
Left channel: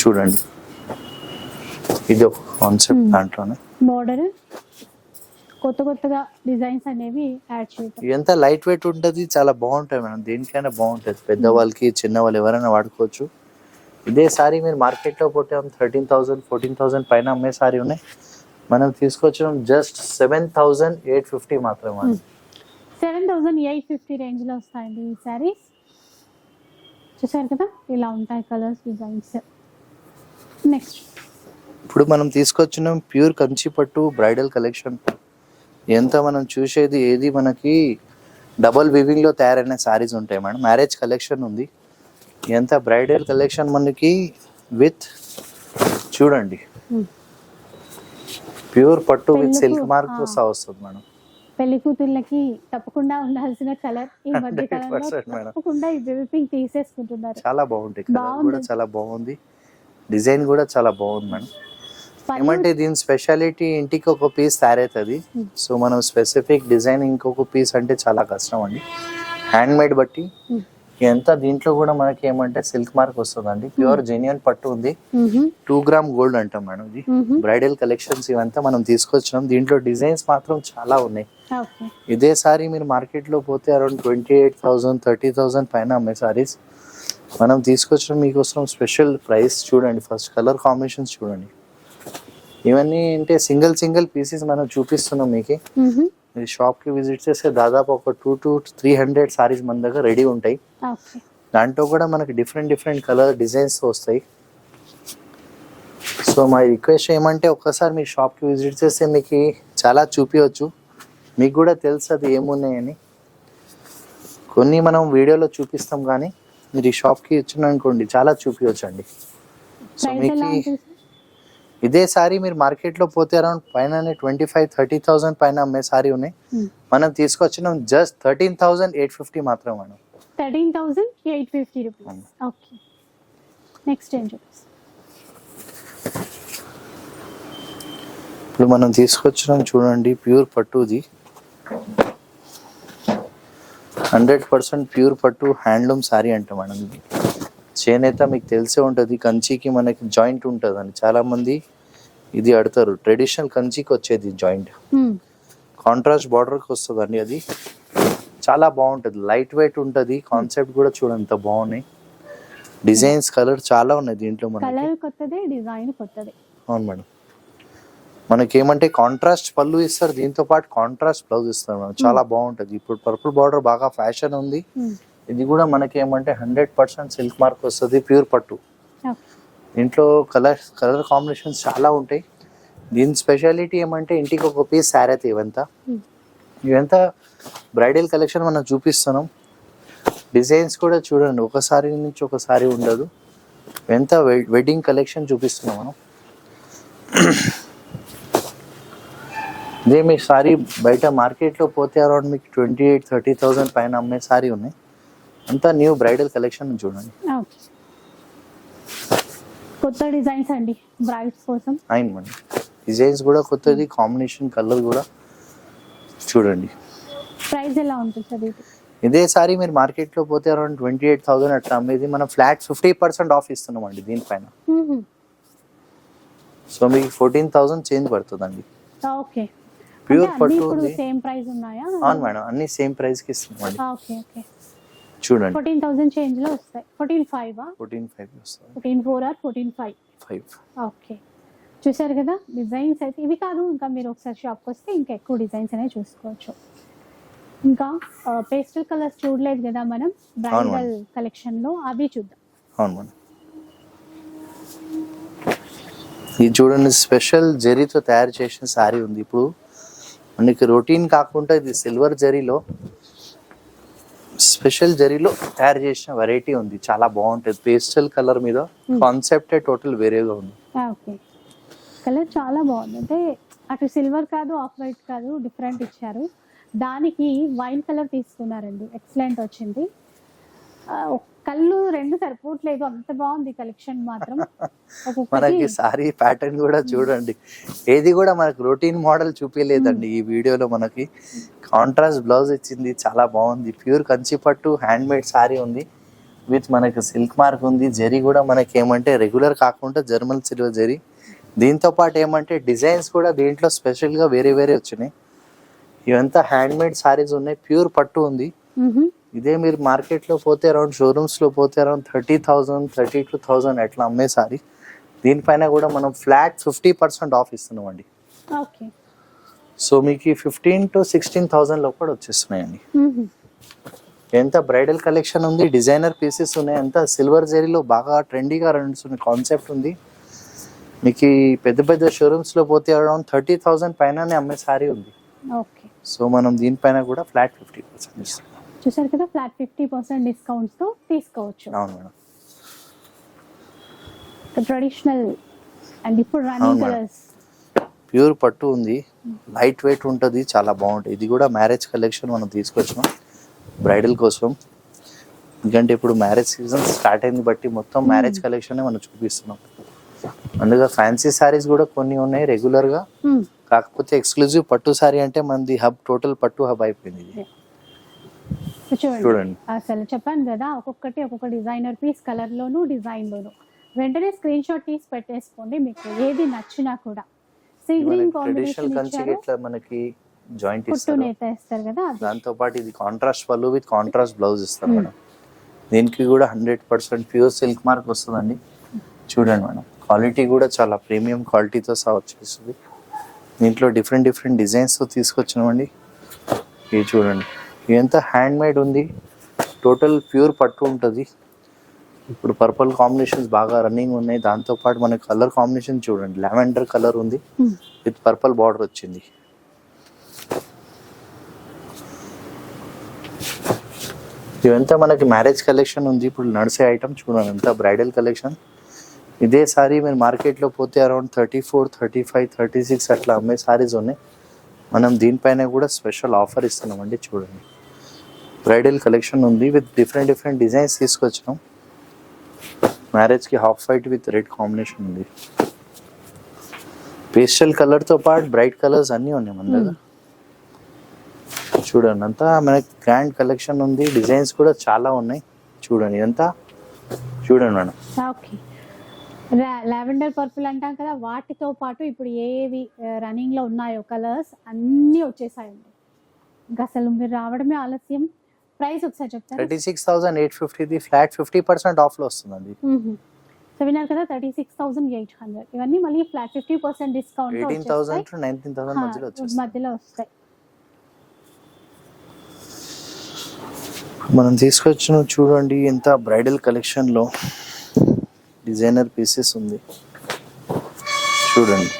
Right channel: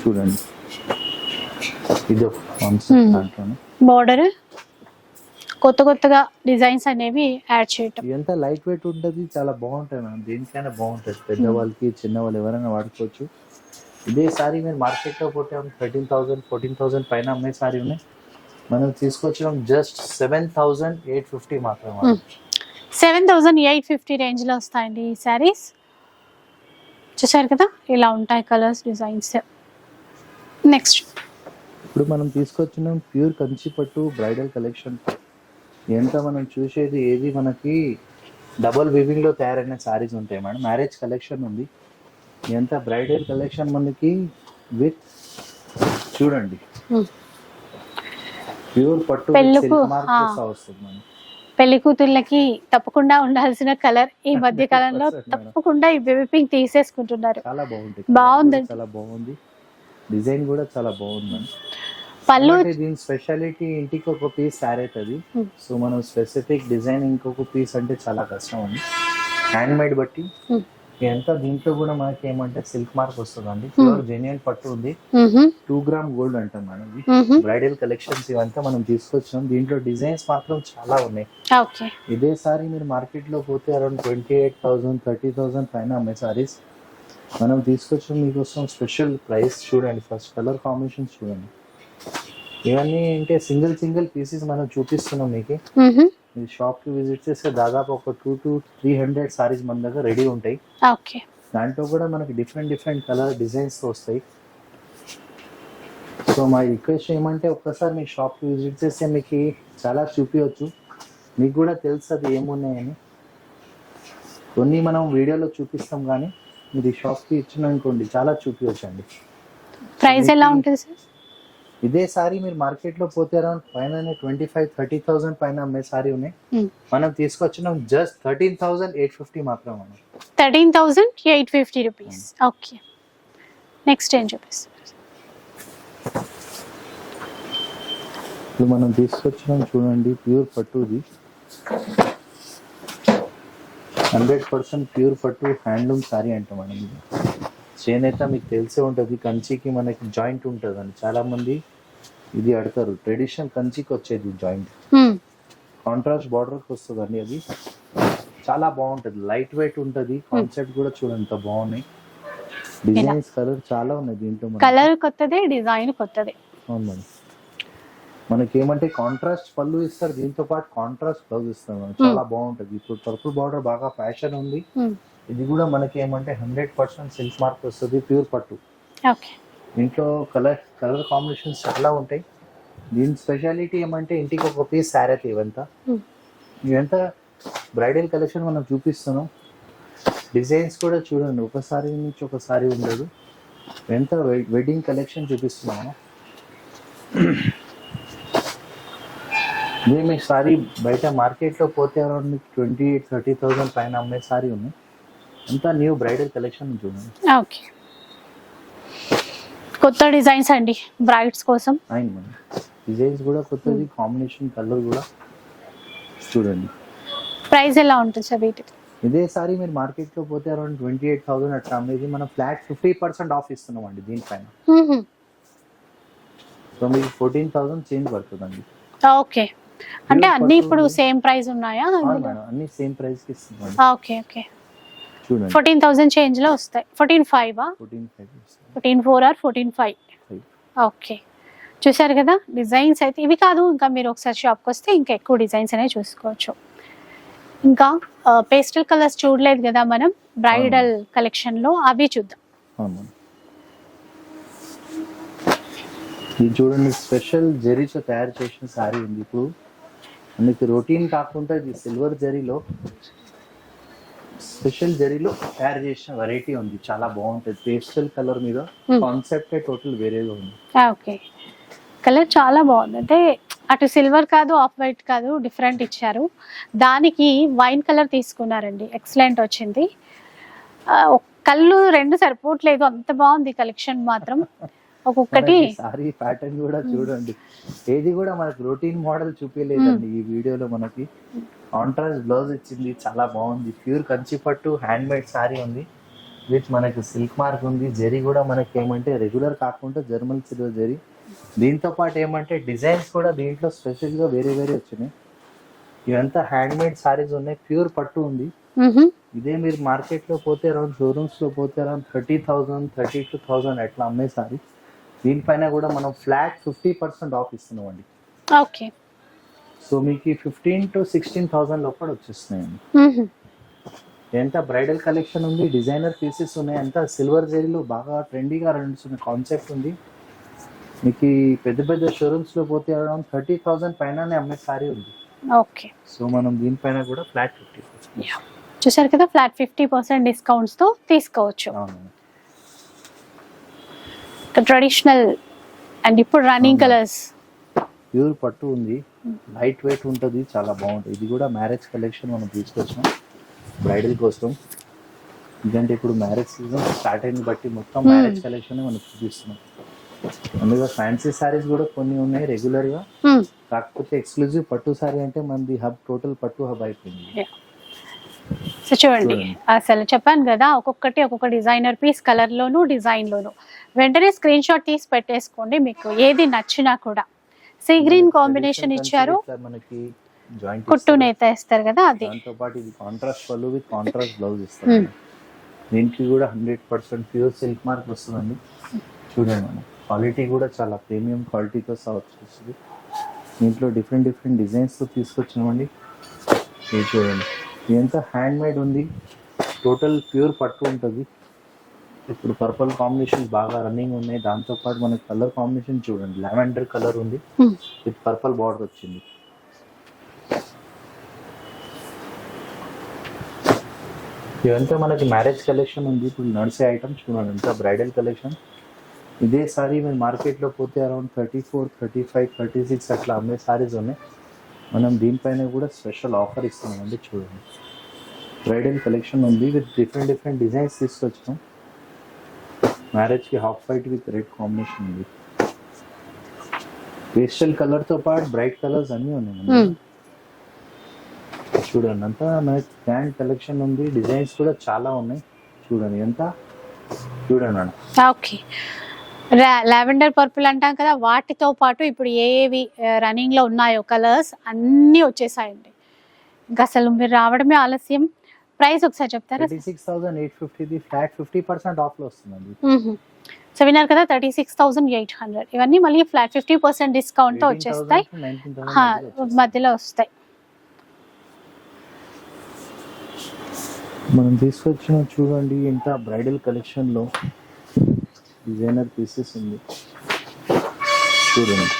చూడండి, ఇది ఒక కాన్సెప్ట్ దాంట్లోనే. బార్డర్ కొత్త కొత్తగా డిజైన్స్ అనేవి యాడ్ చేయటం. ఇదంతా లైట్ వెయిట్ ఉంటుంది, చాలా బాగుంటాయి మేడం. దేనికైనా బాగుంటుంది, పెద్దవాళ్ళకి చిన్నవాళ్ళు ఎవరైనా వాడుకోవచ్చు. ఇదే సారీ మీరు మార్కెట్లో పోతే 13,000 14,000 పైన అమ్మే సారీ ఉన్నాయి. మనం తీసుకొచ్చినాం జస్ట్ 7,850 మాత్రమే. 7,850 రేంజ్ లో వస్తాయండి ఈ శారీస్. చూసారు కదా, ఇలా ఉంటాయి కలర్స్, డిజైన్స్. నెక్స్ట్ ఇప్పుడు మనం తీసుకొచ్చినాం ప్యూర్ కంచి పట్టు బ్రైడల్ కలెక్షన్. ఎంత మనం చూసేది ఏది మనకి డబల్ వివింగ్ లో తయారైన శారీస్ ఉంటాయి మేడం. మ్యారేజ్ కలెక్షన్ ఉంది, ఎంత బ్రైడల్ కలెక్షన్ మనకి విత్ చూడండి ప్యూర్ పట్టు సిల్క్ మార్క్ వస్తుంది మేడం. పెళ్లి కూతుర్లకి తప్పకుండా ఉండాల్సిన కలర్ ఈ మధ్య కాలంలో. తప్పకుండా ఈ బేబీ పింక్ తీసేసుకుంటున్నారు. చాలా బాగుంది, బాగుంది, చాలా బాగుంది. డిజైన్ కూడా చాలా బాగుంది మేడం. పళ్ళు అంటే దీని స్పెషాలిటీ ఇంటికి ఒక పీస్ తయారవుతుంది. సో మనం స్పెసిఫిక్ డిజైన్ ఇంకొక పీస్ అంటే చాలా కష్టం అండి. హ్యాండ్ మేడ్ బట్టి ఎంత దీంట్లో కూడా మనకి ఏమంటే సిల్క్ మార్క్ వస్తుంది అండి. ప్యూర్ జెన్యున్ పట్టు ఉంది. 2 గ్రామ్ గోల్డ్ అంటాం మేడం. ఇది బ్రైడల్ కలెక్షన్స్ ఇవంతా మనం తీసుకొచ్చాం. దీంట్లో డిజైన్స్ మాత్రం చాలా ఉన్నాయి. ఇదే సారీ మీరు మార్కెట్ లో పోతే అరౌండ్ 28,000 30,000 పైన అమ్మే సారీస్. మనం తీసుకొచ్చాం మీకోసం స్పెషల్ ప్రైస్. చూడండి, ఫస్ట్ కలర్ కాంబినేషన్స్ చూడండి. ఇవన్నీ అంటే సింగిల్ సింగిల్ పీసెస్ మనం చూపిస్తున్నాం మీకు. మీరు షాప్ కి విజిట్ చేస్తే దాదాపు ఒక 200 to 300 సారీస్ మన దగ్గర రెడీ ఉంటాయి. దాంట్లో కూడా మనకి డిఫరెంట్ డిఫరెంట్ కలర్ డిజైన్స్ వస్తాయి. సో మా రిక్వెస్ట్ ఏమంటే ఒక్కసారి మీ షాప్ కి విజిట్ చేస్తే మీకు చాలా చూపించవచ్చు. మీకు కూడా తెలుసు అది ఏమున్నాయని. కొన్ని మనం వీడియోలో చూపిస్తాం, కానీ మీరు ఈ షాప్ కి వచ్చిన అనుకోండి చాలా చూపించవచ్చు అండి. ప్రైస్ ఎలా ఉంటుంది సార్? ఇదే సారీ మీరు మార్కెట్ లో పోతే అరౌండ్ పైన 25,000-30,000 పైన అమ్మే సారీ ఉన్నాయి. మనం తీసుకొచ్చినాం జస్ట్ 13,850 మాత్రం మేడం. 13,850 రూపీస్. ఓకే, నెక్స్ట్ ఏం చూపిస్తాం? ఇప్పుడు మనం తీసుకొచ్చినాం చూడండి, ప్యూర్ పట్టుది 100% ప్యూర్ పట్టు హ్యాండ్లూమ్ సారీ అంట మేడం. ఇది చేనేత మీకు తెలిసే ఉంటుంది. కంచికి మనకి జాయింట్ ఉంటుంది అని చాలా మంది ఇది అడతారు. ట్రెడిషనల్ కంచికి వచ్చేది జాయింట్, కాంట్రాస్ట్ బార్డర్కి వస్తుంది అండి. అది చాలా బాగుంటుంది, లైట్ వెయిట్ ఉంటుంది. కాన్సెప్ట్ కూడా చూడండి ఎంత బాగున్నాయి. డిజైన్స్ కలర్ చాలా ఉన్నాయి దీంట్లో. కలర్ కొత్తదే, డిజైన్ కొత్తదే. అవును మేడం. మనకి ఏమంటే కాంట్రాస్ట్ పళ్ళు ఇస్తారు, దీంతో పాటు కాంట్రాస్ట్ బ్లౌజ్ ఇస్తారు మేడం. చాలా బాగుంటుంది. ఇప్పుడు పర్పుల్ బార్డర్ బాగా ఫ్యాషన్ ఉంది. ఇది కూడా మనకి ఏమంటే 100% సిల్క్ మార్క్ వస్తుంది, ప్యూర్ పట్టు. దీంట్లో కలర్ కాంబినేషన్స్ చాలా ఉంటాయి. దీని స్పెషాలిటీ ఏమంటే ఇంటికి ఒక పీస్ సారీ అయితే ఇవంతా బ్రైడల్ కలెక్షన్ మనం చూపిస్తున్నాం. డిజైన్స్ కూడా చూడండి, ఒకసారి నుంచి ఒకసారి ఉండదు. ఎంత వెడ్డింగ్ కలెక్షన్ చూపిస్తున్నాం మనం. ఇదే మీ సారీ బయట మార్కెట్లో పోతే అరౌండ్ మీకు 28,000-30,000 పైన అమ్మే సారీ ఉన్నాయి. అంతా న్యూ బ్రైడల్ కలెక్షన్ చూడండి. ఓకే, కొత్త డిజైన్స్ అండి బ్రైడ్స్ కోసం. అయిన మేడం, డిజైన్స్ కూడా కొత్తది, కాంబినేషన్ కలర్ కూడా చూడండి. ప్రైస్ ఎలా ఉంటుంది సార్ వీటికి? ఇదే సారీ మీరు మార్కెట్లో పోతే అరౌండ్ 28,000 అట్లా అమ్మేది. మనం ఫ్లాట్ 50% ఆఫ్ ఇస్తున్నాం అండి దీనిపైన. సో మీకు 14,000 చేంజ్ పడుతుందండి. ఓకే, అంటే అన్ని ఇప్పుడు సేమ్ ప్రైస్ ఉన్నాయా? అవును మేడం, అన్ని సేమ్ ప్రైస్ కి ఇస్తున్నాం. ఓకే ఓకే, చూడండి 14,000 చేంజ్ లో వస్తాయి. 14,500 14,500 వస్తుంది. 14,400 ఆర్ 14,500. 5 ఓకే, చూసారు కదా డిజైన్స్ అయితే ఇవి కాదు, ఇంకా మీరు ఒకసారి షాప్కి వస్తే ఇంకా ఎక్కువ డిజైన్స్ అనేవి చూసుకోవచ్చు. ఇంకా పేస్టల్ కలర్స్ చూడలేదు కదా మనం బ్రైడల్ కలెక్షన్ లో, అవి చూద్దాం. అవును మేడం, ఇది చూడండి స్పెషల్ జరీతో తయారు చేసిన సారీ ఉంది. ఇప్పుడు మనకి రొటీన్ కాకుండా ఇది సిల్వర్ జరీలో స్పెషల్ జరీలో తయారు చేసిన వెరైటీ ఉంది, చాలా బాగుంటుంది. పేస్టల్ కలర్ మీద కాన్సెప్ట్ టోటల్ వేరేగా ఉంది. ఓకే, కలర్ చాలా బాగుంది. అంటే అటు సిల్వర్ కాదు, ఆఫ్ వైట్ కాదు, డిఫరెంట్ ఇచ్చారు. దానికి వైన్ కలర్ తీసుకున్నారండి, ఎక్సలెంట్ వచ్చింది. కళ్ళు రెండు సరిపోవట్లేదు, అంత బాగుంది కలెక్షన్ మాత్రం. ఒక్కొక్కటి సారీ ప్యాటర్న్ కూడా చూడండి, ఏది కూడా మనకు రొటీన్ మోడల్ చూపించలేదండి. ఈ వీడియోలో మనకి కాంట్రాస్ట్ బ్లౌజ్ ఇచ్చింది, చాలా బాగుంది. ప్యూర్ కంచి పట్టు హ్యాండ్ మేడ్ సారీ ఉంది విత్ మనకి సిల్క్ మార్క్ ఉంది. జరీ కూడా మనకి ఏమంటే రెగ్యులర్ కాకుండా జర్మన్ సిల్వర్ జరీ. దీంతో పాటు ఏమంటే డిజైన్స్ కూడా దీంట్లో స్పెషల్గా వేరే వేరే వచ్చినాయి. ఇవంతా హ్యాండ్ మేడ్ సారీస్ ఉన్నాయి, ప్యూర్ పట్టు ఉంది. ఇదే మీరు మార్కెట్లో పోతే అరౌండ్ షోరూమ్స్లో పోతే అరౌండ్ 30,000 32,000 అట్లా అమ్మే సారీ. దీనిపైన కూడా మనం ఫ్లాట్ 50% ఆఫ్ ఇస్తున్నామండి. ఓకే, సో మీకు 15,000 to 16,000 లో కూడా వచ్చేస్తున్నాయండి. ఎంత బ్రైడల్ కలెక్షన్ ఉంది, డిజైనర్ పీసెస్ ఉన్నాయి, అంతా సిల్వర్ జరీలో బాగా ట్రెండీగా నడుస్తున్న కాన్సెప్ట్ ఉంది. మీకు ఈ పెద్ద పెద్ద షోరూమ్స్ లో పోతే అరౌండ్ 30,000 పైననే అమ్మే సారీ ఉంది. ఓకే, సో మనం దీనిపైన కూడా ఫ్లాట్ 50%. చూసారు కదా, ఫ్లాట్ 50% డిస్కౌంట్స్ తో తీసుకోవచ్చు. అవును మేడం, ట్రెడిషనల్ అండ్ ఇప్పుడు రన్నింగ్ కలర్స్. ప్యూర్ పట్టు ఉంది, లైట్ వెయిట్ ఉంటుంది, చాలా బాగుంటుంది. ఇది కూడా మ్యారేజ్ కలెక్షన్ మనం తీసుకొచ్చాం బ్రైడల్ కోసం. ఎందుకంటే ఇప్పుడు మ్యారేజ్ సీజన్ స్టార్ట్ అయింది బట్టి మొత్తం మ్యారేజ్ కలెక్షన్ మనం చూపిస్తున్నాం. అందులో ఫ్యాన్సీ సారీస్ కూడా కొన్ని ఉన్నాయి రెగ్యులర్ గా, కాకపోతే ఎక్స్క్లూజివ్ పట్టు సారీ అంటే మనది హబ్, టోటల్ పట్టు హబ్ అయిపోయింది. సో చూడండి, అసలు చెప్పాను కదా, ఒక్కొక్కటి ఒక్కొక్క డిజైనర్ పీస్, కలర్ లోను డిజైన్ లోను. వెంటనే స్క్రీన్ షాట్ తీసి పెట్టేసుకోండి, మీకు ఏది నచ్చినా కూడా. సీ గ్రీన్ కాంబినేషన్ ఇచ్చారు, మనకి జాయింట్ కుట్టు నేత ఇస్తారు కదా అది. దాంతో పాటు ఇది కాంట్రాస్ట్ పళ్ళు విత్ కాంట్రాస్ట్ బ్లౌజ్ ఇస్తారు మేడం. దీనికి కూడా 100% ప్యూర్ సిల్క్ మార్క్ వస్తుందండి. చూడండి మేడం, క్వాలిటీ కూడా చాలా ప్రీమియం క్వాలిటీతో సహా వచ్చేస్తుంది. దీంట్లో డిఫరెంట్ డిఫరెంట్ డిజైన్స్తో తీసుకొచ్చినామండి. ఇది చూడండి, ఇదంతా హ్యాండ్ మేడ్ ఉంది, టోటల్ ప్యూర్ పట్టు ఉంటుంది. ఇప్పుడు పర్పుల్ కాంబినేషన్స్ బాగా రన్నింగ్ ఉన్నాయి. దాంతోపాటు మన కలర్ కాంబినేషన్ చూడండి, లావెండర్ కలర్ ఉంది విత్ పర్పుల్ బార్డర్ వచ్చింది. ఇదంతా మనకి మ్యారేజ్ కలెక్షన్ ఉంది, ఇప్పుడు నడిసే ఐటమ్ చూడండి, అంతా బ్రైడల్ కలెక్షన్. ఇదే సారీ మీరు మార్కెట్లో పోతే అరౌండ్ 34, 35, 36 అట్లా అమ్మే సారీస్ ఉన్నాయి. మనం దీనిపైన కూడా స్పెషల్ ఆఫర్ ఇస్తున్నామండి. చూడండి, బ్రైడల్ కలెక్షన్ ఉంది విత్ డిఫరెంట్ డిఫరెంట్ డిజైన్స్ తీసుకొచ్చాం. మ్యారేజ్కి half white with red combination ఉంది. పేస్టల్ కలర్తో పాటు బ్రైట్ కలర్స్ అన్నీ ఉన్నాయి మన దగ్గర. చూడండి, అంతా మనకి గ్రాండ్ కలెక్షన్ ఉంది, డిజైన్స్ కూడా చాలా ఉన్నాయి. చూడండి, ఇదంతా చూడండి మేడం. ఓకే, లావెండర్ పర్పుల్ అంటాం కదా, వాటితో పాటు ఇప్పుడు ఏవి రన్నింగ్ లో ఉన్నాయో కలర్స్ అన్నీ వచ్చేసాయండి. ఇంకా అసలు మీరు రావడమే ఆలస్యం. ప్రైస్ ఒకసారి చెప్తారా? 36,850, ఫ్లాట్ 50% ఆఫ్ లో వస్తుందండి. సో విన్నారు కదా, 36,800. ఇవన్నీ మళ్ళీ ఫ్లాట్ 50% డిస్కౌంట్ తో వచ్చేస్తాయి, 19,000 మధ్యలో వస్తాయి. మనం తీసుకొచ్చిన చూడండి, ఎంత బ్రైడల్ కలెక్షన్ లో డిజైనర్ పీసెస్ ఉంది. చూడండి,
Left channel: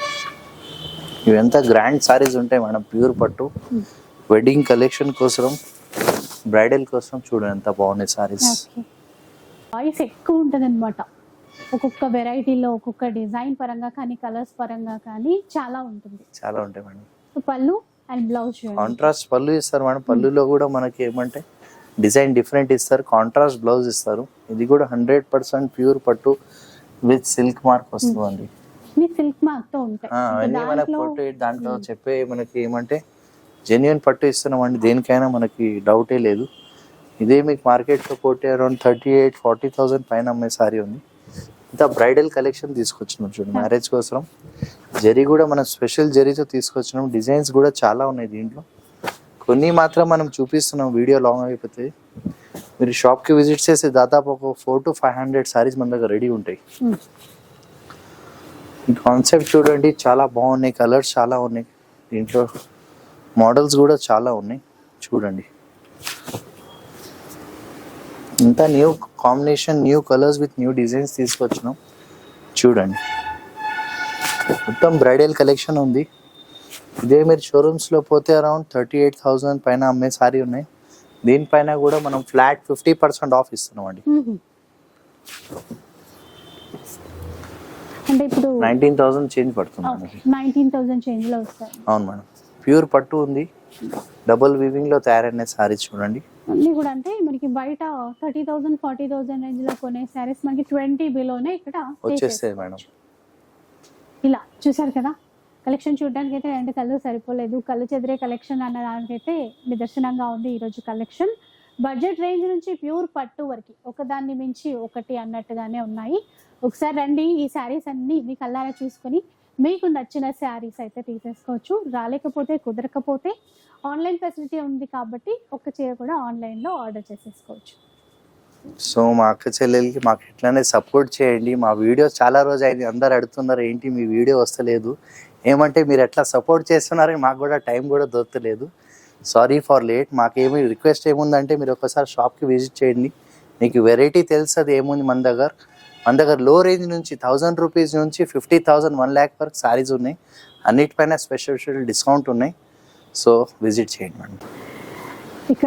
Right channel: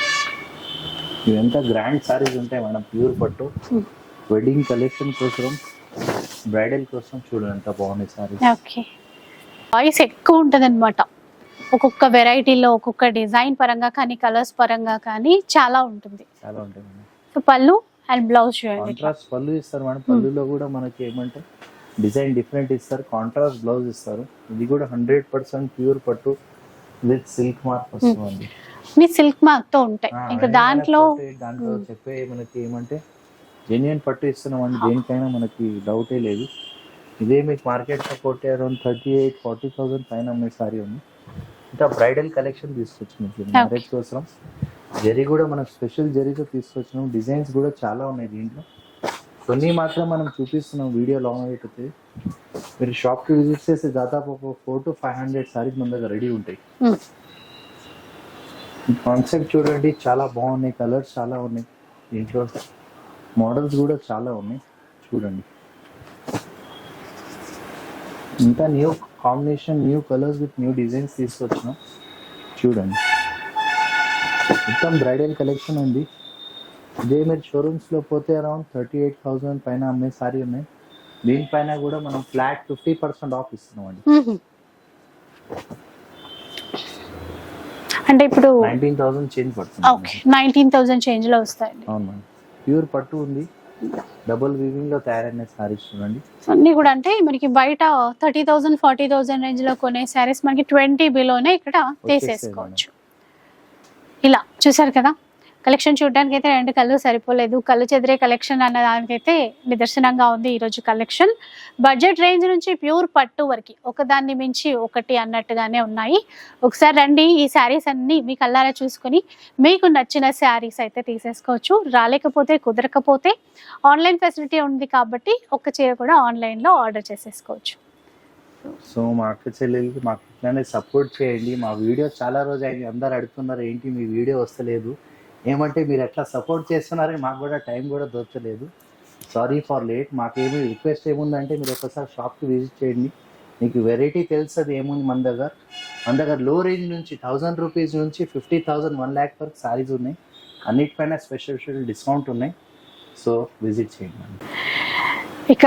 ఇవంతా గ్రాండ్ సారీస్ ఉంటాయి మేడం, ప్యూర్ పట్టు వెడ్డింగ్ కలెక్షన్ కోసం, బ్రైడల్ కోసం. చూడండి, ఎంత బాగున్నాయి సారీస్. ఓకే, చాయిస్ ఎక్కువ ఉంటుంది అనమాట. ఒక్కొక్క వెరైటీలో ఒక్కొక్క డిజైన్ పరంగా కానీ కలర్స్ పరంగా కానీ చాలా ఉంటుంది. చాలా ఉంటాయి మేడం. సో పళ్ళు అండ్ బ్లౌజ్ కాంట్రాస్ట్ పళ్ళు ఇస్తారు మేడం. పళ్ళులో కూడా మనకి ఏమంటే డిజైన్ డిఫరెంట్ ఇస్తారు, కాంట్రాస్ట్ బ్లౌజ్ ఇస్తారు. ఇది కూడా 100% ప్యూర్ పట్టు విత్ సిల్క్ మార్క్ వస్తుంది. సిల్క్ మార్క్ తో ఉంటాయి. ఇంకా దాంట్లో చెప్పే మనకి ఏమంటే జెన్యున్ పట్టు ఇస్తున్నామండి, దేనికైనా మనకి డౌటే లేదు. ఇదే మీకు మార్కెట్లో పోతే అరౌండ్ 38,000-40,000 పైన అమ్మే సారీ ఉంది. ఇంత బ్రైడల్ కలెక్షన్ తీసుకొచ్చినాం చూడండి మ్యారేజ్ కోసం. జరీ కూడా మనం స్పెషల్ జరీతో తీసుకొచ్చినాం. డిజైన్స్ కూడా చాలా ఉన్నాయి దీంట్లో, కొన్ని మాత్రం మనం చూపిస్తున్నాం, వీడియో లాంగ్ అయిపోతుంది. మీరు షాప్కి విజిట్ చేస్తే దాదాపు ఒక 400 to 500 సారీస్ మన దగ్గర రెడీ ఉంటాయి. కాన్సెప్ట్ చూడండి, చాలా బాగున్నాయి, కలర్స్ చాలా ఉన్నాయి, దీంట్లో మోడల్స్ కూడా చాలా ఉన్నాయి. చూడండి, ఇంత new combination, new colours with new designs తీసుకొచ్చినాం. చూడండి, మొత్తం బ్రైడల్ కలెక్షన్ ఉంది. ఇదే మీరు షోరూమ్స్లో పోతే అరౌండ్ 38,000 పైన అమ్మే సారీ ఉన్నాయి. దీనిపైన కూడా మనం ఫ్లాట్ 50% ఆఫ్ ఇస్తున్నాం అండి. అంటే ఇప్పుడు 19,000 చేంజ్ పడుతుంది. 19,000 చేంజ్ లో వస్తాయి. అవును మేడం, ప్యూర్ పట్టు ఉంది, డబుల్ వీవింగ్ లో తయారైన సారీస్ చూడండి. అన్ని కూడా అంటే మనకి బయట 30,000 40,000 రేంజ్ లో కొనే సారీస్ మనకి 20 బిలోనే ఇక్కడ తీసేసుకోవచ్చు. ఇలా చూసారు కదా, కలెక్షన్ చూడడానికి అయితే 2 కళ్ళు సరిపోలేదు, కళ్ళు చెదిరే కలెక్షన్ అన్న దానికైతే నిదర్శనంగా ఉంది ఈరోజు కలెక్షన్. బడ్జెట్ రేంజ్ నుంచి ప్యూర్ పట్టు వరకు ఒకదాన్ని మించి ఒకటి అన్నట్టుగానే ఉన్నాయి. ఒకసారి రండి, ఈ శారీస్ అన్ని మీ కళ్ళారా చూసుకొని మీకు నచ్చిన శారీస్ అయితే తీసేసుకోవచ్చు. రాలేకపోతే కుదరకపోతే ఆన్లైన్ ఫెసిలిటీ ఉంది కాబట్టి ఒక్క చీర కూడా ఆన్లైన్లో ఆర్డర్ చేసేసుకోవచ్చు. సో మా అక్క చెల్లెలకి మాకు ఇట్లానే సపోర్ట్ చేయండి. మా వీడియో చాలా రోజు అయింది, అందరు అడుగుతున్నారు ఏంటి మీ వీడియో వస్తలేదు, ఏమంటే మీరు ఎట్లా సపోర్ట్ చేస్తున్నారని మాకు కూడా టైం కూడా దొరకలేదు. Sorry for late. మాకేమి రిక్వెస్ట్ ఏముందంటే మీరు ఒకసారి షాప్కి విజిట్ చేయండి, మీకు వెరైటీ తెలుస్తుంది ఏముంది. మన దగ్గర లో రేంజ్ నుంచి 1000 రూపీస్ నుంచి 50,000 1 lakh వరకు సారీస్ ఉన్నాయి. అన్నిటిపైన స్పెషల్ డిస్కౌంట్ ఉన్నాయి. సో విజిట్ చేయండి మేడం. ఇక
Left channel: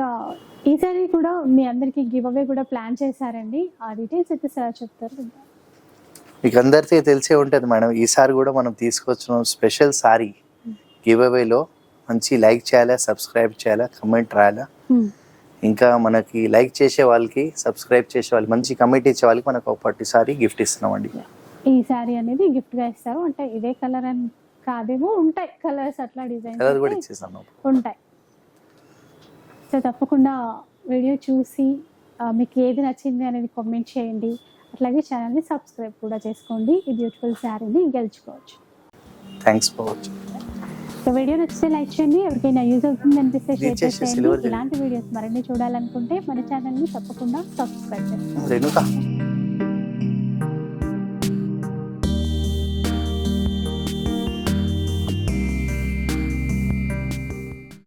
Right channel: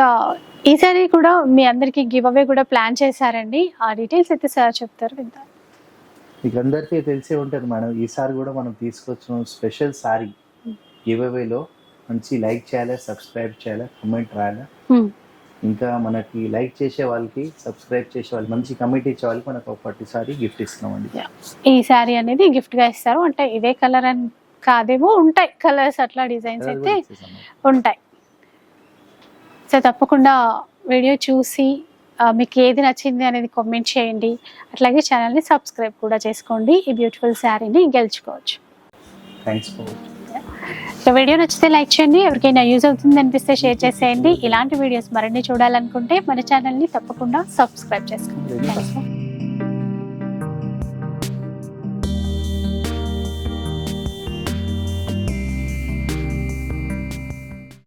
ఈసారి కూడా మీ అందరికి గివ్ అవే కూడా ప్లాన్ చేశారండి, ఆ డీటెయిల్స్ అయితే సార్ చెప్తారు విందాం. మీకు అందరికీ తెలిసే ఉంటుంది మేడం, ఈసారి కూడా మనం తీసుకొచ్చిన స్పెషల్ సారీ గివ్ అవేలో మంచి లైక్ చేయాలా, సబ్స్క్రైబ్ చేయాలా, కమెంట్ రాయాలా. ఇంకా మనకి లైక్ చేసే వాళ్ళకి, సబ్స్క్రైబ్ చేసే వాళ్ళకి, మంచి కమెంట్ ఇచ్చే వాళ్ళకి మనకు ఒక పట్టు సారీ గిఫ్ట్ ఇస్తున్నామండి. ఈ సారీ అనేది గిఫ్ట్ గా ఇస్తారు. అంటే ఇదే కలర్ అని కాదేమో, ఉంటాయి కలర్స్, అట్లా డిజైన్స్ అయితే ఉంటాయి. సో తప్పకుండా వీడియో చూసి మీకు ఏది నచ్చింది అనేది కామెంట్ చేయండి. అట్లాగే ఛానల్ని సబ్స్క్రైబ్ కూడా చేసుకోండి. ఈ బ్యూటిఫుల్ శారీని గెలుచుకోవచ్చు. Thanks for watching. So video నచ్చితే లైక్ చేయండి, ఎవరికైనా యూజ్ అవుతుంది అనిపిస్తే షేర్ చేసేయండి. ఇలాంటి వీడియోస్ మరిన్ని చూడాలనుకుంటే మన ఛానల్ని తప్పకుండా సబ్స్క్రైబ్ చేసుకోండి.